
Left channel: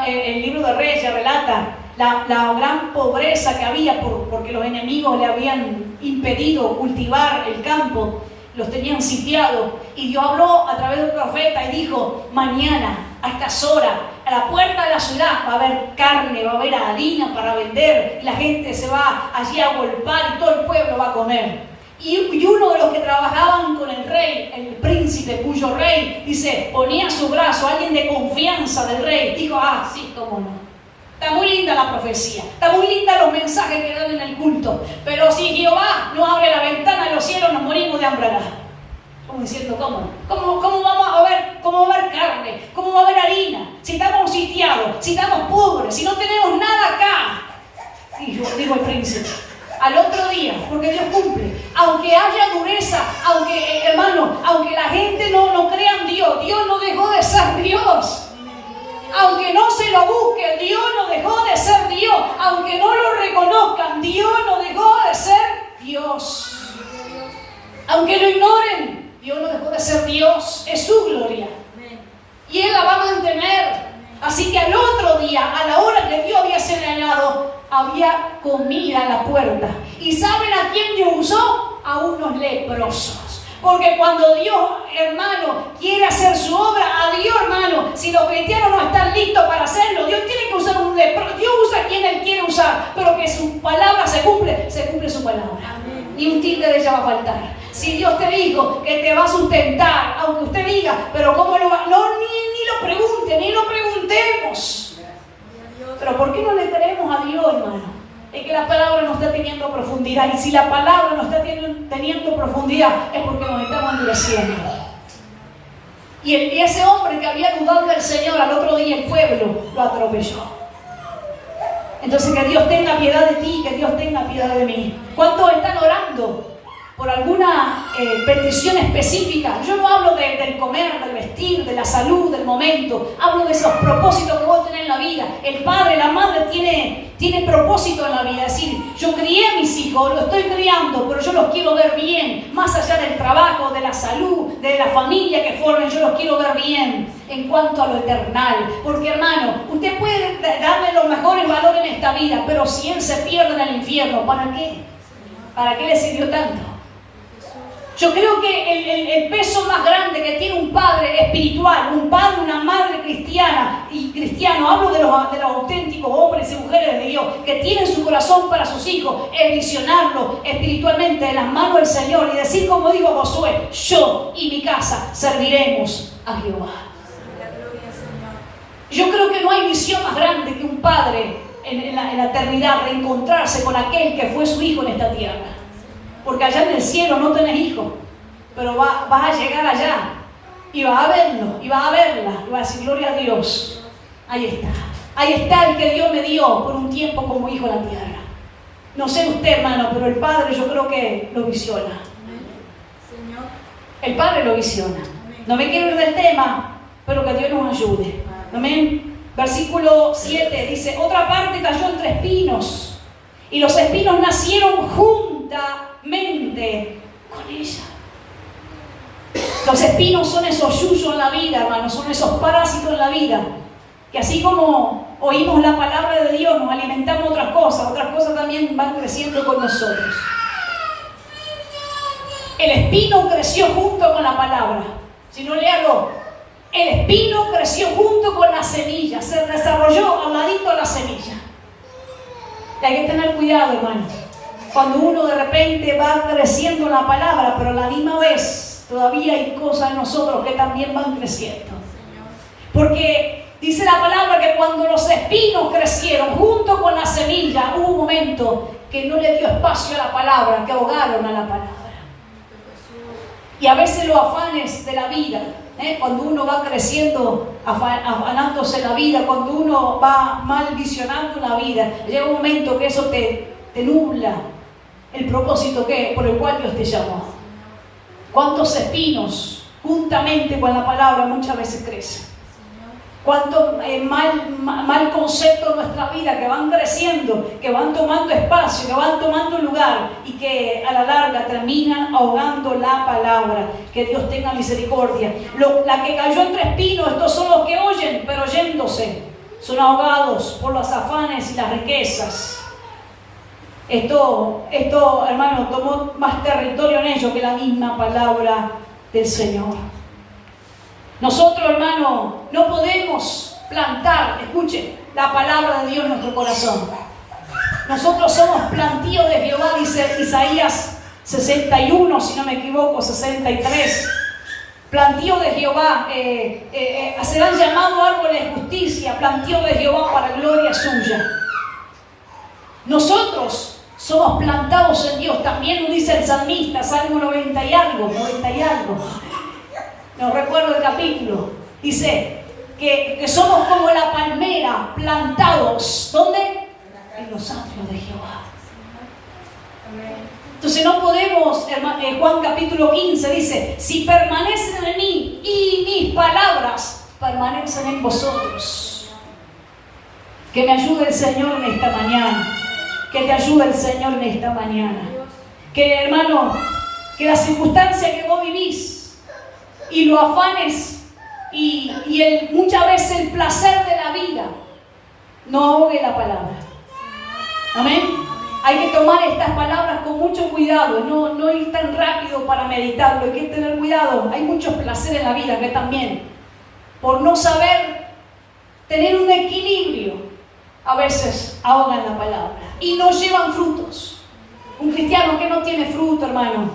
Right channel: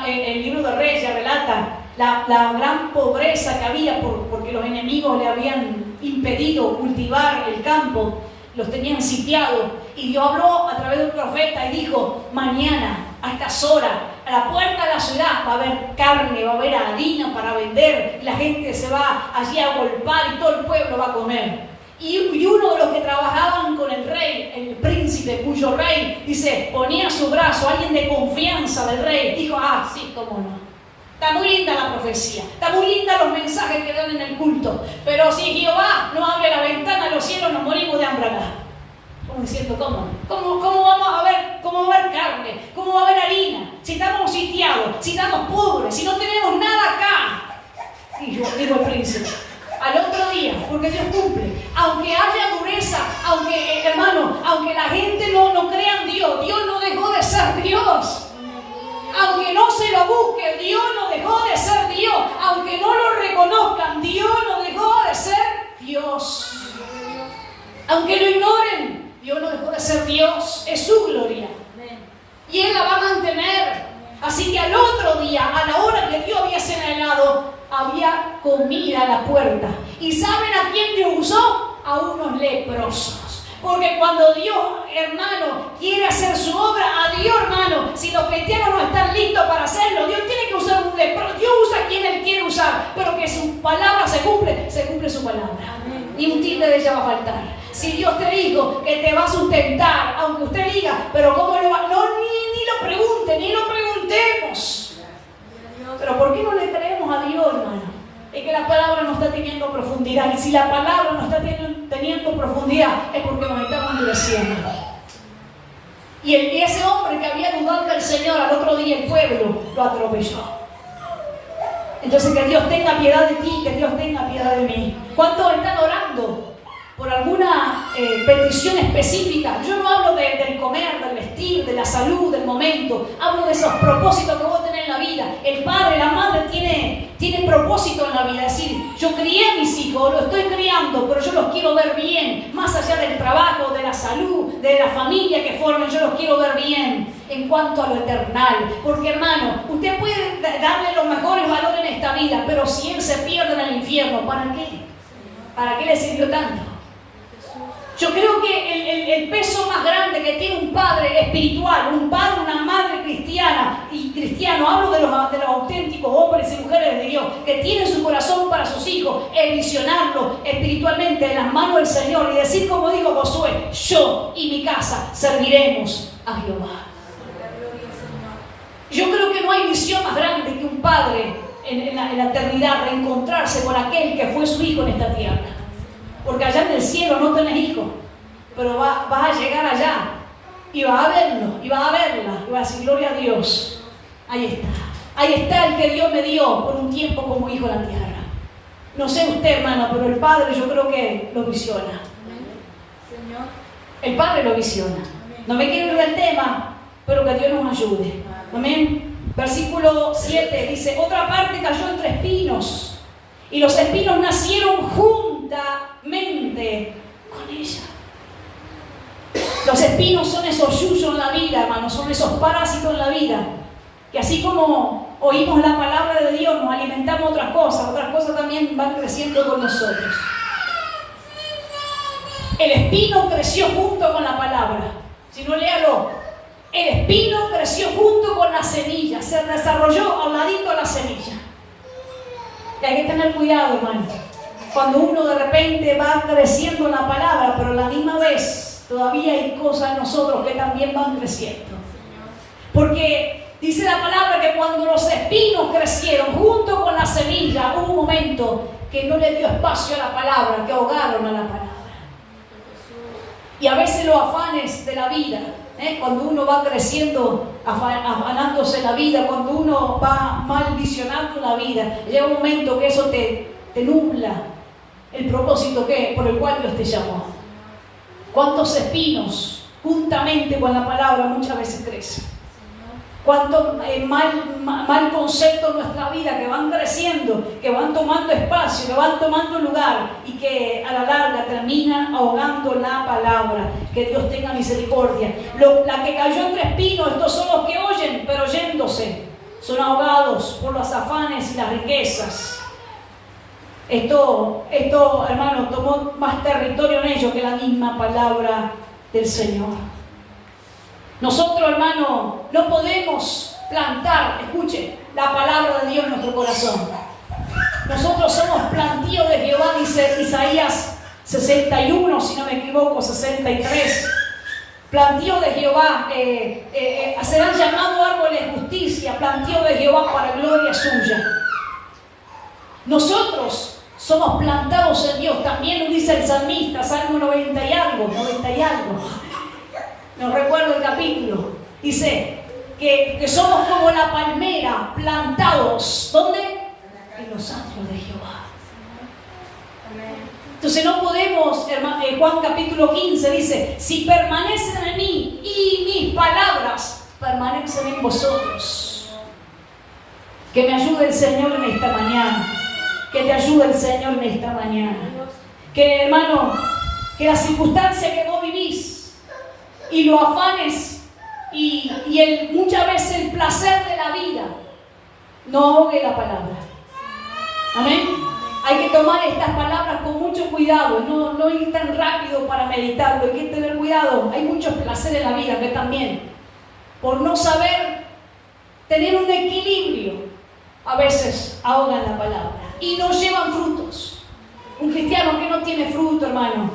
El libro de Reyes relata la gran pobreza que había porque los enemigos le habían impedido cultivar el campo, los tenían sitiados. Y Dios habló a través de un profeta y dijo: mañana, a estas horas, a la puerta de la ciudad va a haber carne, va a haber harina para vender, y la gente se va allí a golpear y todo el pueblo va a comer. Y uno de los que trabajaban con el rey, el príncipe, cuyo rey, dice, ponía su brazo, alguien de confianza del rey, dijo: ah, sí, cómo no. Está muy linda la profecía, está muy linda los mensajes que dan en el culto, pero si Jehová no abre la ventana de los cielos, nos morimos de hambre acá. Como diciendo, ¿cómo vamos a ver, cómo va a haber carne, cómo va a haber harina, si estamos sitiados, si estamos pobres, si no tenemos nada acá? Y yo digo el príncipe, al otro día, porque Dios cumple, aunque haya dureza, aunque, hermano, aunque la gente no crea en Dios, Dios no dejó de ser Dios. Aunque no se lo busque, Dios no dejó de ser Dios. Aunque no lo reconozcan, Dios no dejó de ser Dios. Aunque lo ignoren, Dios no dejó de ser Dios. Es su gloria. Y Él la va a mantener. Así que al otro día, a la hora que Dios había señalado, había comida a la puerta. ¿Y saben a quién Dios usó? A unos leprosos. Porque cuando Dios, hermano, quiere hacer su obra, a Dios, hermano, si los cristianos no están listos para hacerlo, Dios tiene que usar un leproso. Dios usa a quien Él quiere usar, pero que su palabra se cumple su palabra. Ni un tilde de ella va a faltar. Si Dios te dijo que te va a sustentar, aunque usted diga, pero ¿cómo lo va? No, ni lo pregunte, ni lo preguntemos. Pero ¿por qué no le creemos a Dios, hermano? Es que la palabra no está teniendo profundidad. Y si la palabra no está teniendo profundidad, es porque nos estamos endureciendo. Y ese hombre que había dudado del Señor, al otro día el pueblo lo atropelló. Entonces, que Dios tenga piedad de ti, que Dios tenga piedad de mí. ¿Cuántos están orando por alguna petición específica? Yo no hablo del comer, del vestir, de la salud, del momento. Hablo de esos propósitos que vos tenés en la vida. El padre, la madre tiene propósito en la vida. Es decir, yo crié a mis hijos, los estoy criando, pero yo los quiero ver bien. Más allá del trabajo, de la salud, de la familia que formen, yo los quiero ver bien en cuanto a lo eternal. Porque, hermano, usted puede darle los mejores valores en esta vida, pero si él se pierde en el infierno, ¿para qué? ¿Para qué le sirvió tanto? Yo creo que el peso más grande que tiene un padre espiritual, un padre, una madre cristiana y cristiano, hablo de los auténticos hombres y mujeres de Dios que tienen su corazón para sus hijos, es visionarlo espiritualmente en las manos del Señor y decir, como dijo Josué, yo y mi casa serviremos a Jehová. Yo creo que no hay visión más grande que un padre en la eternidad reencontrarse con aquel que fue su hijo en esta tierra. Porque allá en el cielo no tenés hijos, pero vas a llegar allá y vas a verlo, y vas a verla, y vas a decir, gloria a Dios. Ahí está el que Dios me dio por un tiempo como hijo en la tierra. No sé usted, hermano, pero el Padre yo creo que lo visiona. El Padre lo visiona. No me quiero ir del tema, pero que Dios nos ayude. Amén. Versículo 7 dice, otra parte cayó entre espinos, y los espinos nacieron juntamente con ella. Los espinos son esos yuyos en la vida, hermanos, son esos parásitos en la vida, que así como oímos la palabra de Dios, nos alimentamos otras cosas también van creciendo con nosotros. El espino creció junto con la palabra. Si no, léalo. El espino creció junto con la semilla, se desarrolló al ladito de la semilla. Y hay que tener cuidado, hermano, cuando uno de repente va creciendo en la palabra, pero a la misma vez todavía hay cosas en nosotros que también van creciendo. Porque dice la palabra que cuando los espinos crecieron junto con la semilla, hubo un momento que no le dio espacio a la palabra, que ahogaron a la palabra. Y a veces los afanes de la vida, cuando uno va creciendo, afanándose en la vida, cuando uno va mal visionando la vida, llega un momento que eso te nubla el propósito por el cual Dios te llamó. ¿Cuántos espinos juntamente con la palabra muchas veces crecen? cuánto mal concepto en nuestra vida, que van creciendo, que van tomando espacio, que van tomando lugar y que a la larga terminan ahogando la palabra. Que Dios tenga misericordia. La que cayó entre espinos, estos son los que oyen, pero yéndose, son ahogados por los afanes y las riquezas. Esto, hermano, tomó más territorio en ellos que la misma palabra del Señor. Nosotros, hermano, no podemos plantar, escuche, la palabra de Dios en nuestro corazón. Nosotros somos plantío de Jehová, dice Isaías 61, si no me equivoco, 63. Plantío de Jehová, serán llamados árboles de justicia, plantío de Jehová para gloria suya. Nosotros somos plantados en Dios, también lo dice el salmista, Salmo 90 y algo. No recuerdo el capítulo. Dice que somos como la palmera, plantados. ¿Dónde? En los atrios de Jehová. Entonces no podemos, en Juan capítulo 15 dice, si permanecen en mí y mis palabras permanecen en vosotros. Que me ayude el Señor en esta mañana. Que te ayude el Señor en esta mañana. Que, hermano, que la circunstancia que vos vivís y los afanes y muchas veces el placer de la vida no ahogue la palabra. Amén. Hay que tomar estas palabras con mucho cuidado, no ir tan rápido para meditarlo. Hay que tener cuidado. Hay muchos placeres en la vida que también, por no saber tener un equilibrio, a veces ahogan la palabra y no llevan frutos. Un cristiano que no tiene fruto, hermano,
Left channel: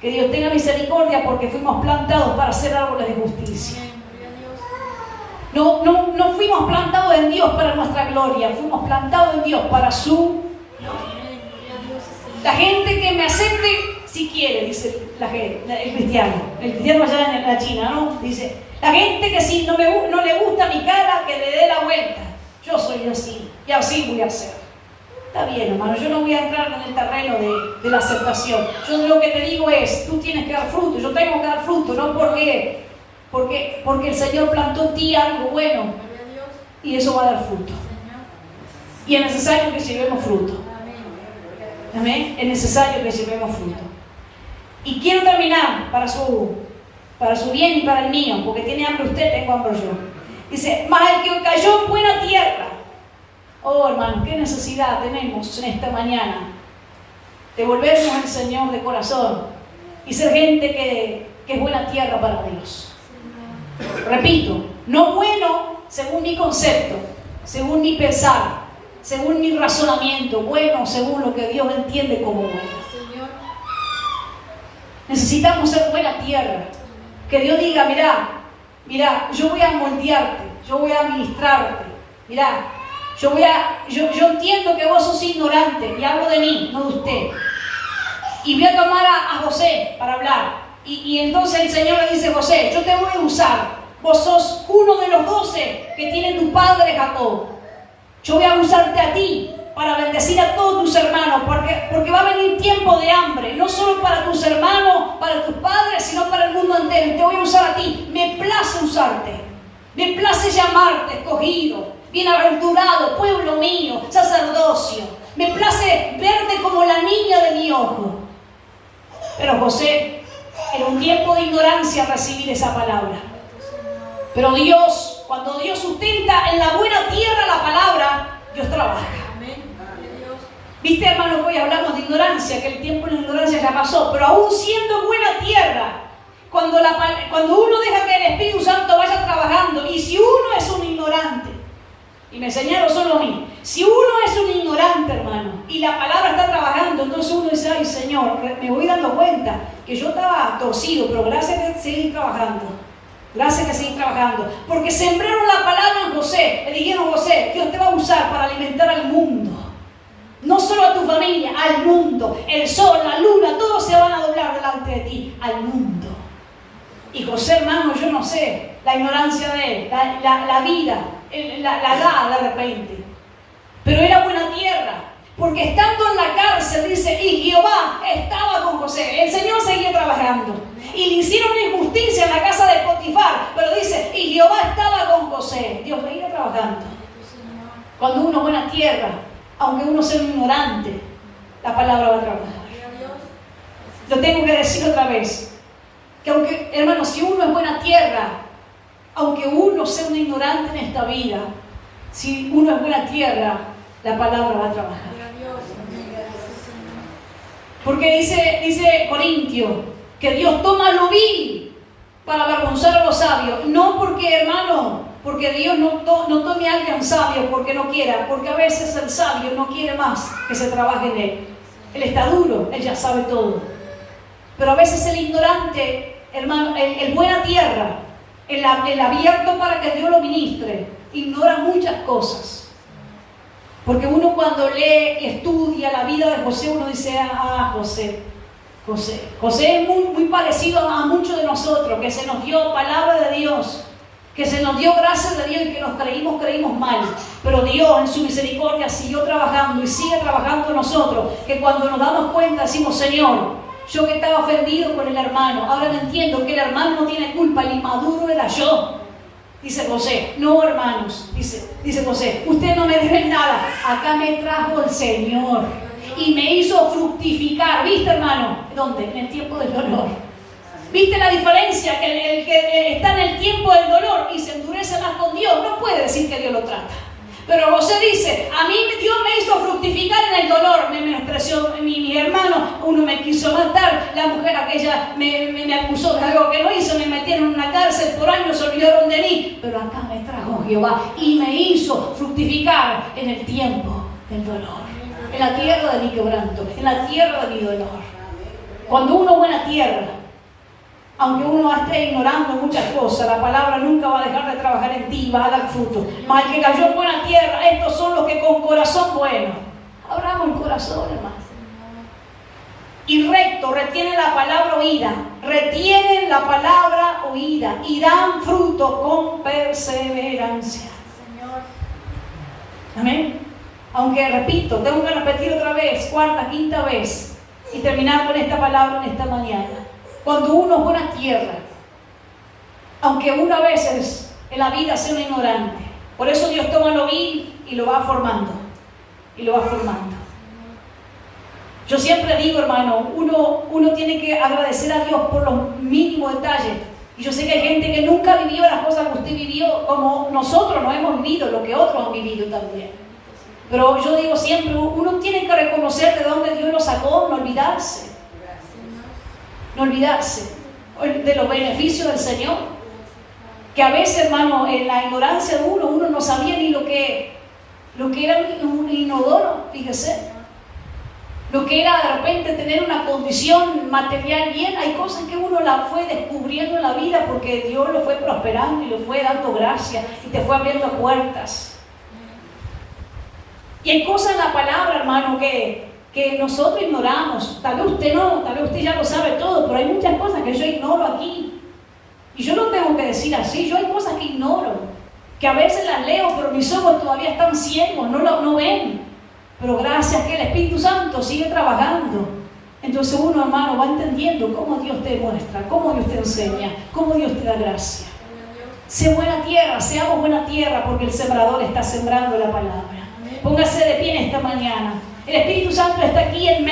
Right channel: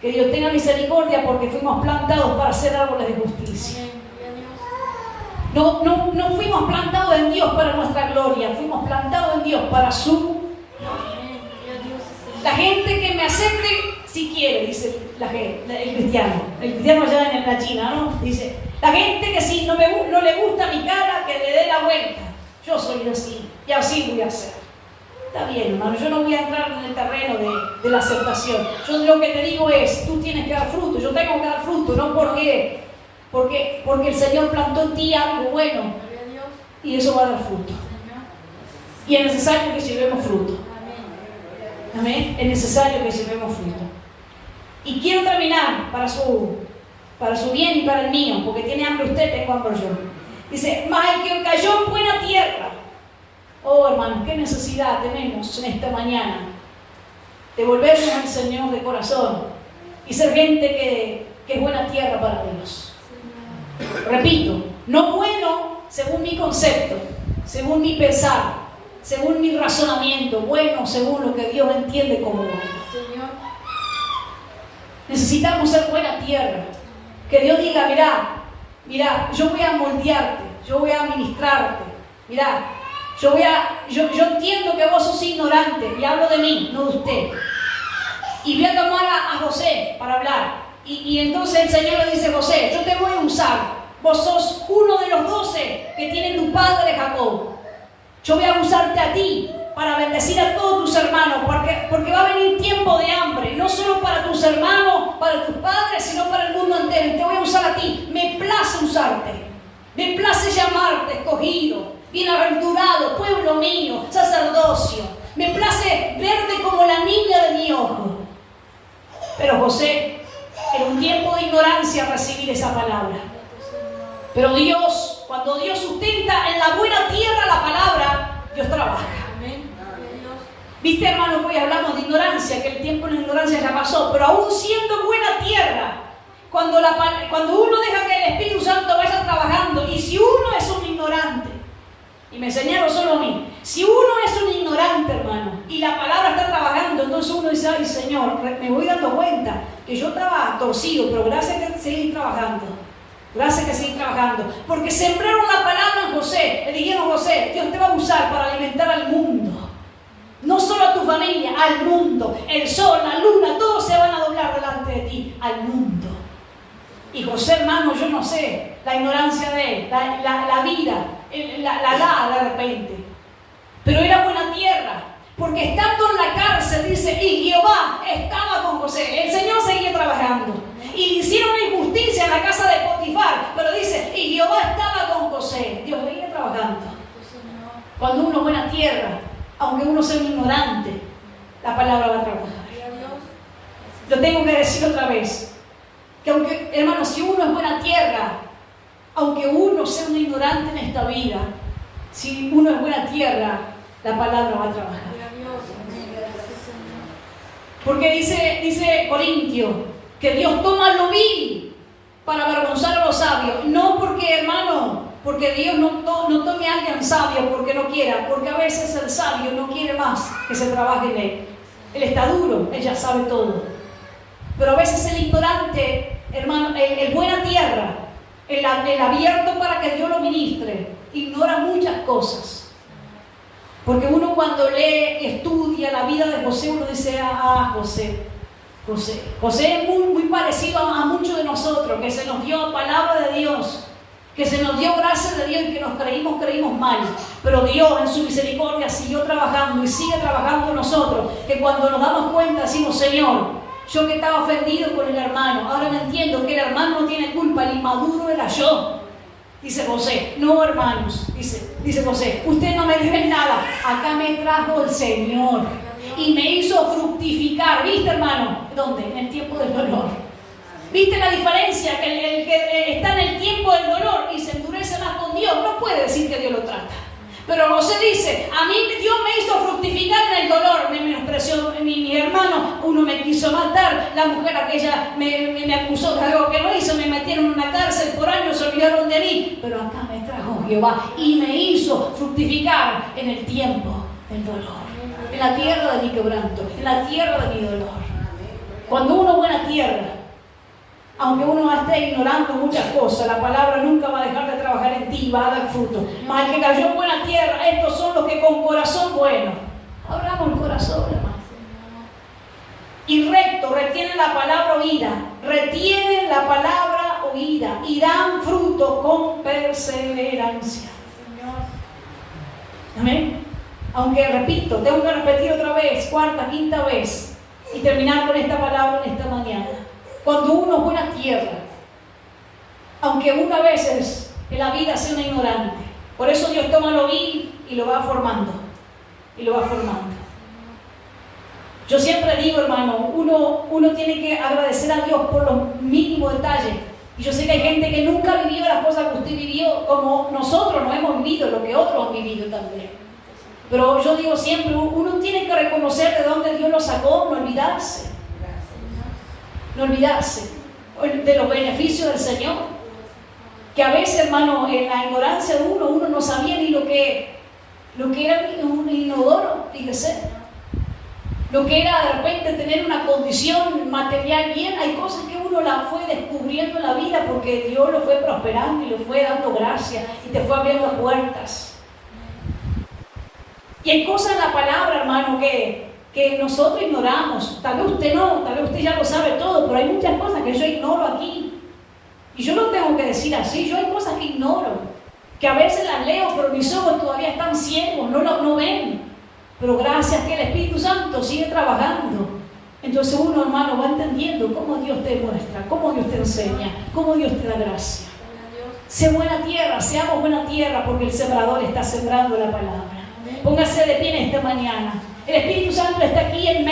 que Dios tenga misericordia, porque fuimos plantados para ser árboles de justicia. No fuimos plantados en Dios para nuestra gloria, fuimos plantados en Dios para su gloria. La gente que me acepte si quiere, dice el cristiano. El cristiano allá en la China, ¿no? Dice, la gente que si no le gusta mi cara, que le dé la vuelta. Yo soy así, y así voy a ser. Está bien, hermano, yo no voy a entrar en el terreno de la aceptación. Yo lo que te digo es, tú tienes que dar fruto, yo tengo que dar fruto, no porque el Señor plantó en ti algo bueno, y eso va a dar fruto. Y es necesario que llevemos fruto. Amén. Es necesario que llevemos fruto. Y quiero terminar para su bien y para el mío, porque tiene hambre usted, tengo hambre yo. Dice, mas el que cayó en buena tierra. Oh, hermanos, qué necesidad tenemos en esta mañana de volvernos al Señor de corazón y ser gente que es buena tierra para Dios. Repito, no bueno según mi concepto, según mi pensar, según mi razonamiento, bueno según lo que Dios entiende como bueno. Necesitamos ser buena tierra. Que Dios diga, mirá, yo voy a moldearte, yo voy a ministrarte, mirá. Yo entiendo que vos sos ignorante, y hablo de mí, no de usted. Y voy a tomar a José para hablar. Y entonces el Señor le dice, José, yo te voy a usar. Vos sos uno de los 12 que tiene tu padre Jacob. Yo voy a usarte a ti para bendecir a todos tus hermanos, porque va a venir tiempo de hambre, no solo para tus hermanos, para tus padres, sino para el mundo entero. Y te voy a usar a ti. Me place usarte. Me place llamarte escogido, bienaventurado, pueblo mío, sacerdocio. Me place verte como la niña de mi ojo. Pero José, en un tiempo de ignorancia, recibir esa palabra. Pero Dios, cuando Dios sustenta en la buena tierra la palabra, Dios trabaja. Viste, hermano, hoy hablamos de ignorancia, que el tiempo de la ignorancia ya pasó, pero aún siendo buena tierra, cuando uno deja que el Espíritu Santo vaya trabajando, y si uno es un ignorante, y me enseñaron solo a mí, si uno es un ignorante, hermano, y la palabra está trabajando, entonces uno dice, ay Señor, me voy dando cuenta que yo estaba torcido, pero gracias a seguir trabajando. Gracias que seguir trabajando, porque sembraron la palabra en José. Le dijeron, José, Dios te va a usar para alimentar al mundo. No solo a tu familia, al mundo. El sol, la luna, todos se van a doblar delante de ti, al mundo. Y José, hermano, yo no sé, la ignorancia de él, la vida, la da de repente. Pero era buena tierra, porque estando en la cárcel, dice, y Jehová estaba con José. El Señor seguía trabajando. Y le hicieron una injusticia en la casa de Potifar. trabajar, pero dice, y Jehová estaba con José. Dios le iba trabajando. Cuando uno es buena tierra, aunque uno sea un ignorante, la palabra va a trabajar. Lo tengo que decir otra vez, que aunque, hermano, si uno es buena tierra, aunque uno sea un ignorante en esta vida, si uno es buena tierra, la palabra va a trabajar. Porque dice Corintio, que Dios toma lo vil para avergonzar a los sabios. No porque, hermano, porque Dios no tome a alguien sabio porque no quiera, porque a veces el sabio no quiere más que se trabaje en él. Él está duro, él ya sabe todo. Pero a veces el ignorante, hermano, el buena tierra, el abierto para que Dios lo ministre, ignora muchas cosas. Porque uno cuando lee y estudia la vida de José, uno dice, José es muy parecido a muchos de nosotros, que se nos dio palabra de Dios, que se nos dio gracia de Dios y que nos creímos mal. Pero Dios en su misericordia siguió trabajando y sigue trabajando en nosotros, que cuando nos damos cuenta decimos, Señor, yo que estaba ofendido con el hermano, ahora me entiendo que el hermano no tiene culpa, el inmaduro era yo. Dice José, no hermanos, dice José, ustedes no me deben nada, acá me trajo el Señor y me hizo fructificar. ¿Viste, hermano? ¿Dónde? En el tiempo del dolor. ¿Viste la diferencia? Que el que está en el tiempo del dolor y se endurece más con Dios, no puede decir que Dios lo trata. Pero José dice, a mí Dios me hizo fructificar en el dolor, me menospreció mi hermano, uno me quiso matar, la mujer aquella me acusó de algo que no hizo, me metieron en una cárcel, por años se olvidaron de mí, pero acá me trajo Jehová y me hizo fructificar en el tiempo del dolor, en la tierra de mi quebranto, en la tierra de mi dolor. Cuando uno es buena tierra, aunque uno esté ignorando muchas cosas, la palabra nunca va a dejar de trabajar en ti, va a dar fruto. Mas el que cayó en buena tierra, estos son los que con corazón bueno, abramos el corazón, hermano. Y recto, retienen la palabra oída, retienen la palabra oída y dan fruto con perseverancia. Amén. Aunque repito, tengo que repetir otra vez, cuarta, quinta vez, y terminar con esta palabra en esta mañana. Cuando uno es buena tierra, aunque uno a veces en la vida sea un ignorante, por eso Dios toma lo vil y lo va formando, y lo va formando. Yo siempre digo, hermano, uno tiene que agradecer a Dios por los mínimos detalles. Y yo sé que hay gente que nunca vivió las cosas que usted vivió como nosotros no hemos vivido, lo que otros han vivido también. Pero yo digo siempre, uno tiene que reconocer de dónde Dios nos sacó, no olvidarse. No olvidarse de los beneficios del Señor. Que a veces, hermano, en la ignorancia de uno no sabía ni lo que era un inodoro, fíjese. Lo que era de repente tener una condición material bien. Hay cosas que uno la fue descubriendo en la vida porque Dios lo fue prosperando y lo fue dando gracia y te fue abriendo puertas. Y hay cosas en la palabra, hermano, que nosotros ignoramos. Tal vez usted no, tal vez usted ya lo sabe todo, pero hay muchas cosas que yo ignoro aquí. Y yo no tengo que decir así, yo hay cosas que ignoro, que a veces las leo, pero mis ojos todavía están ciegos, no ven. Pero gracias que el Espíritu Santo sigue trabajando. Entonces uno, hermano, va entendiendo cómo Dios te muestra, cómo Dios te enseña, cómo Dios te da gracia. Sé buena tierra, seamos buena tierra, porque el sembrador está sembrando la palabra. Póngase de pie en esta mañana. El Espíritu Santo está aquí en medio.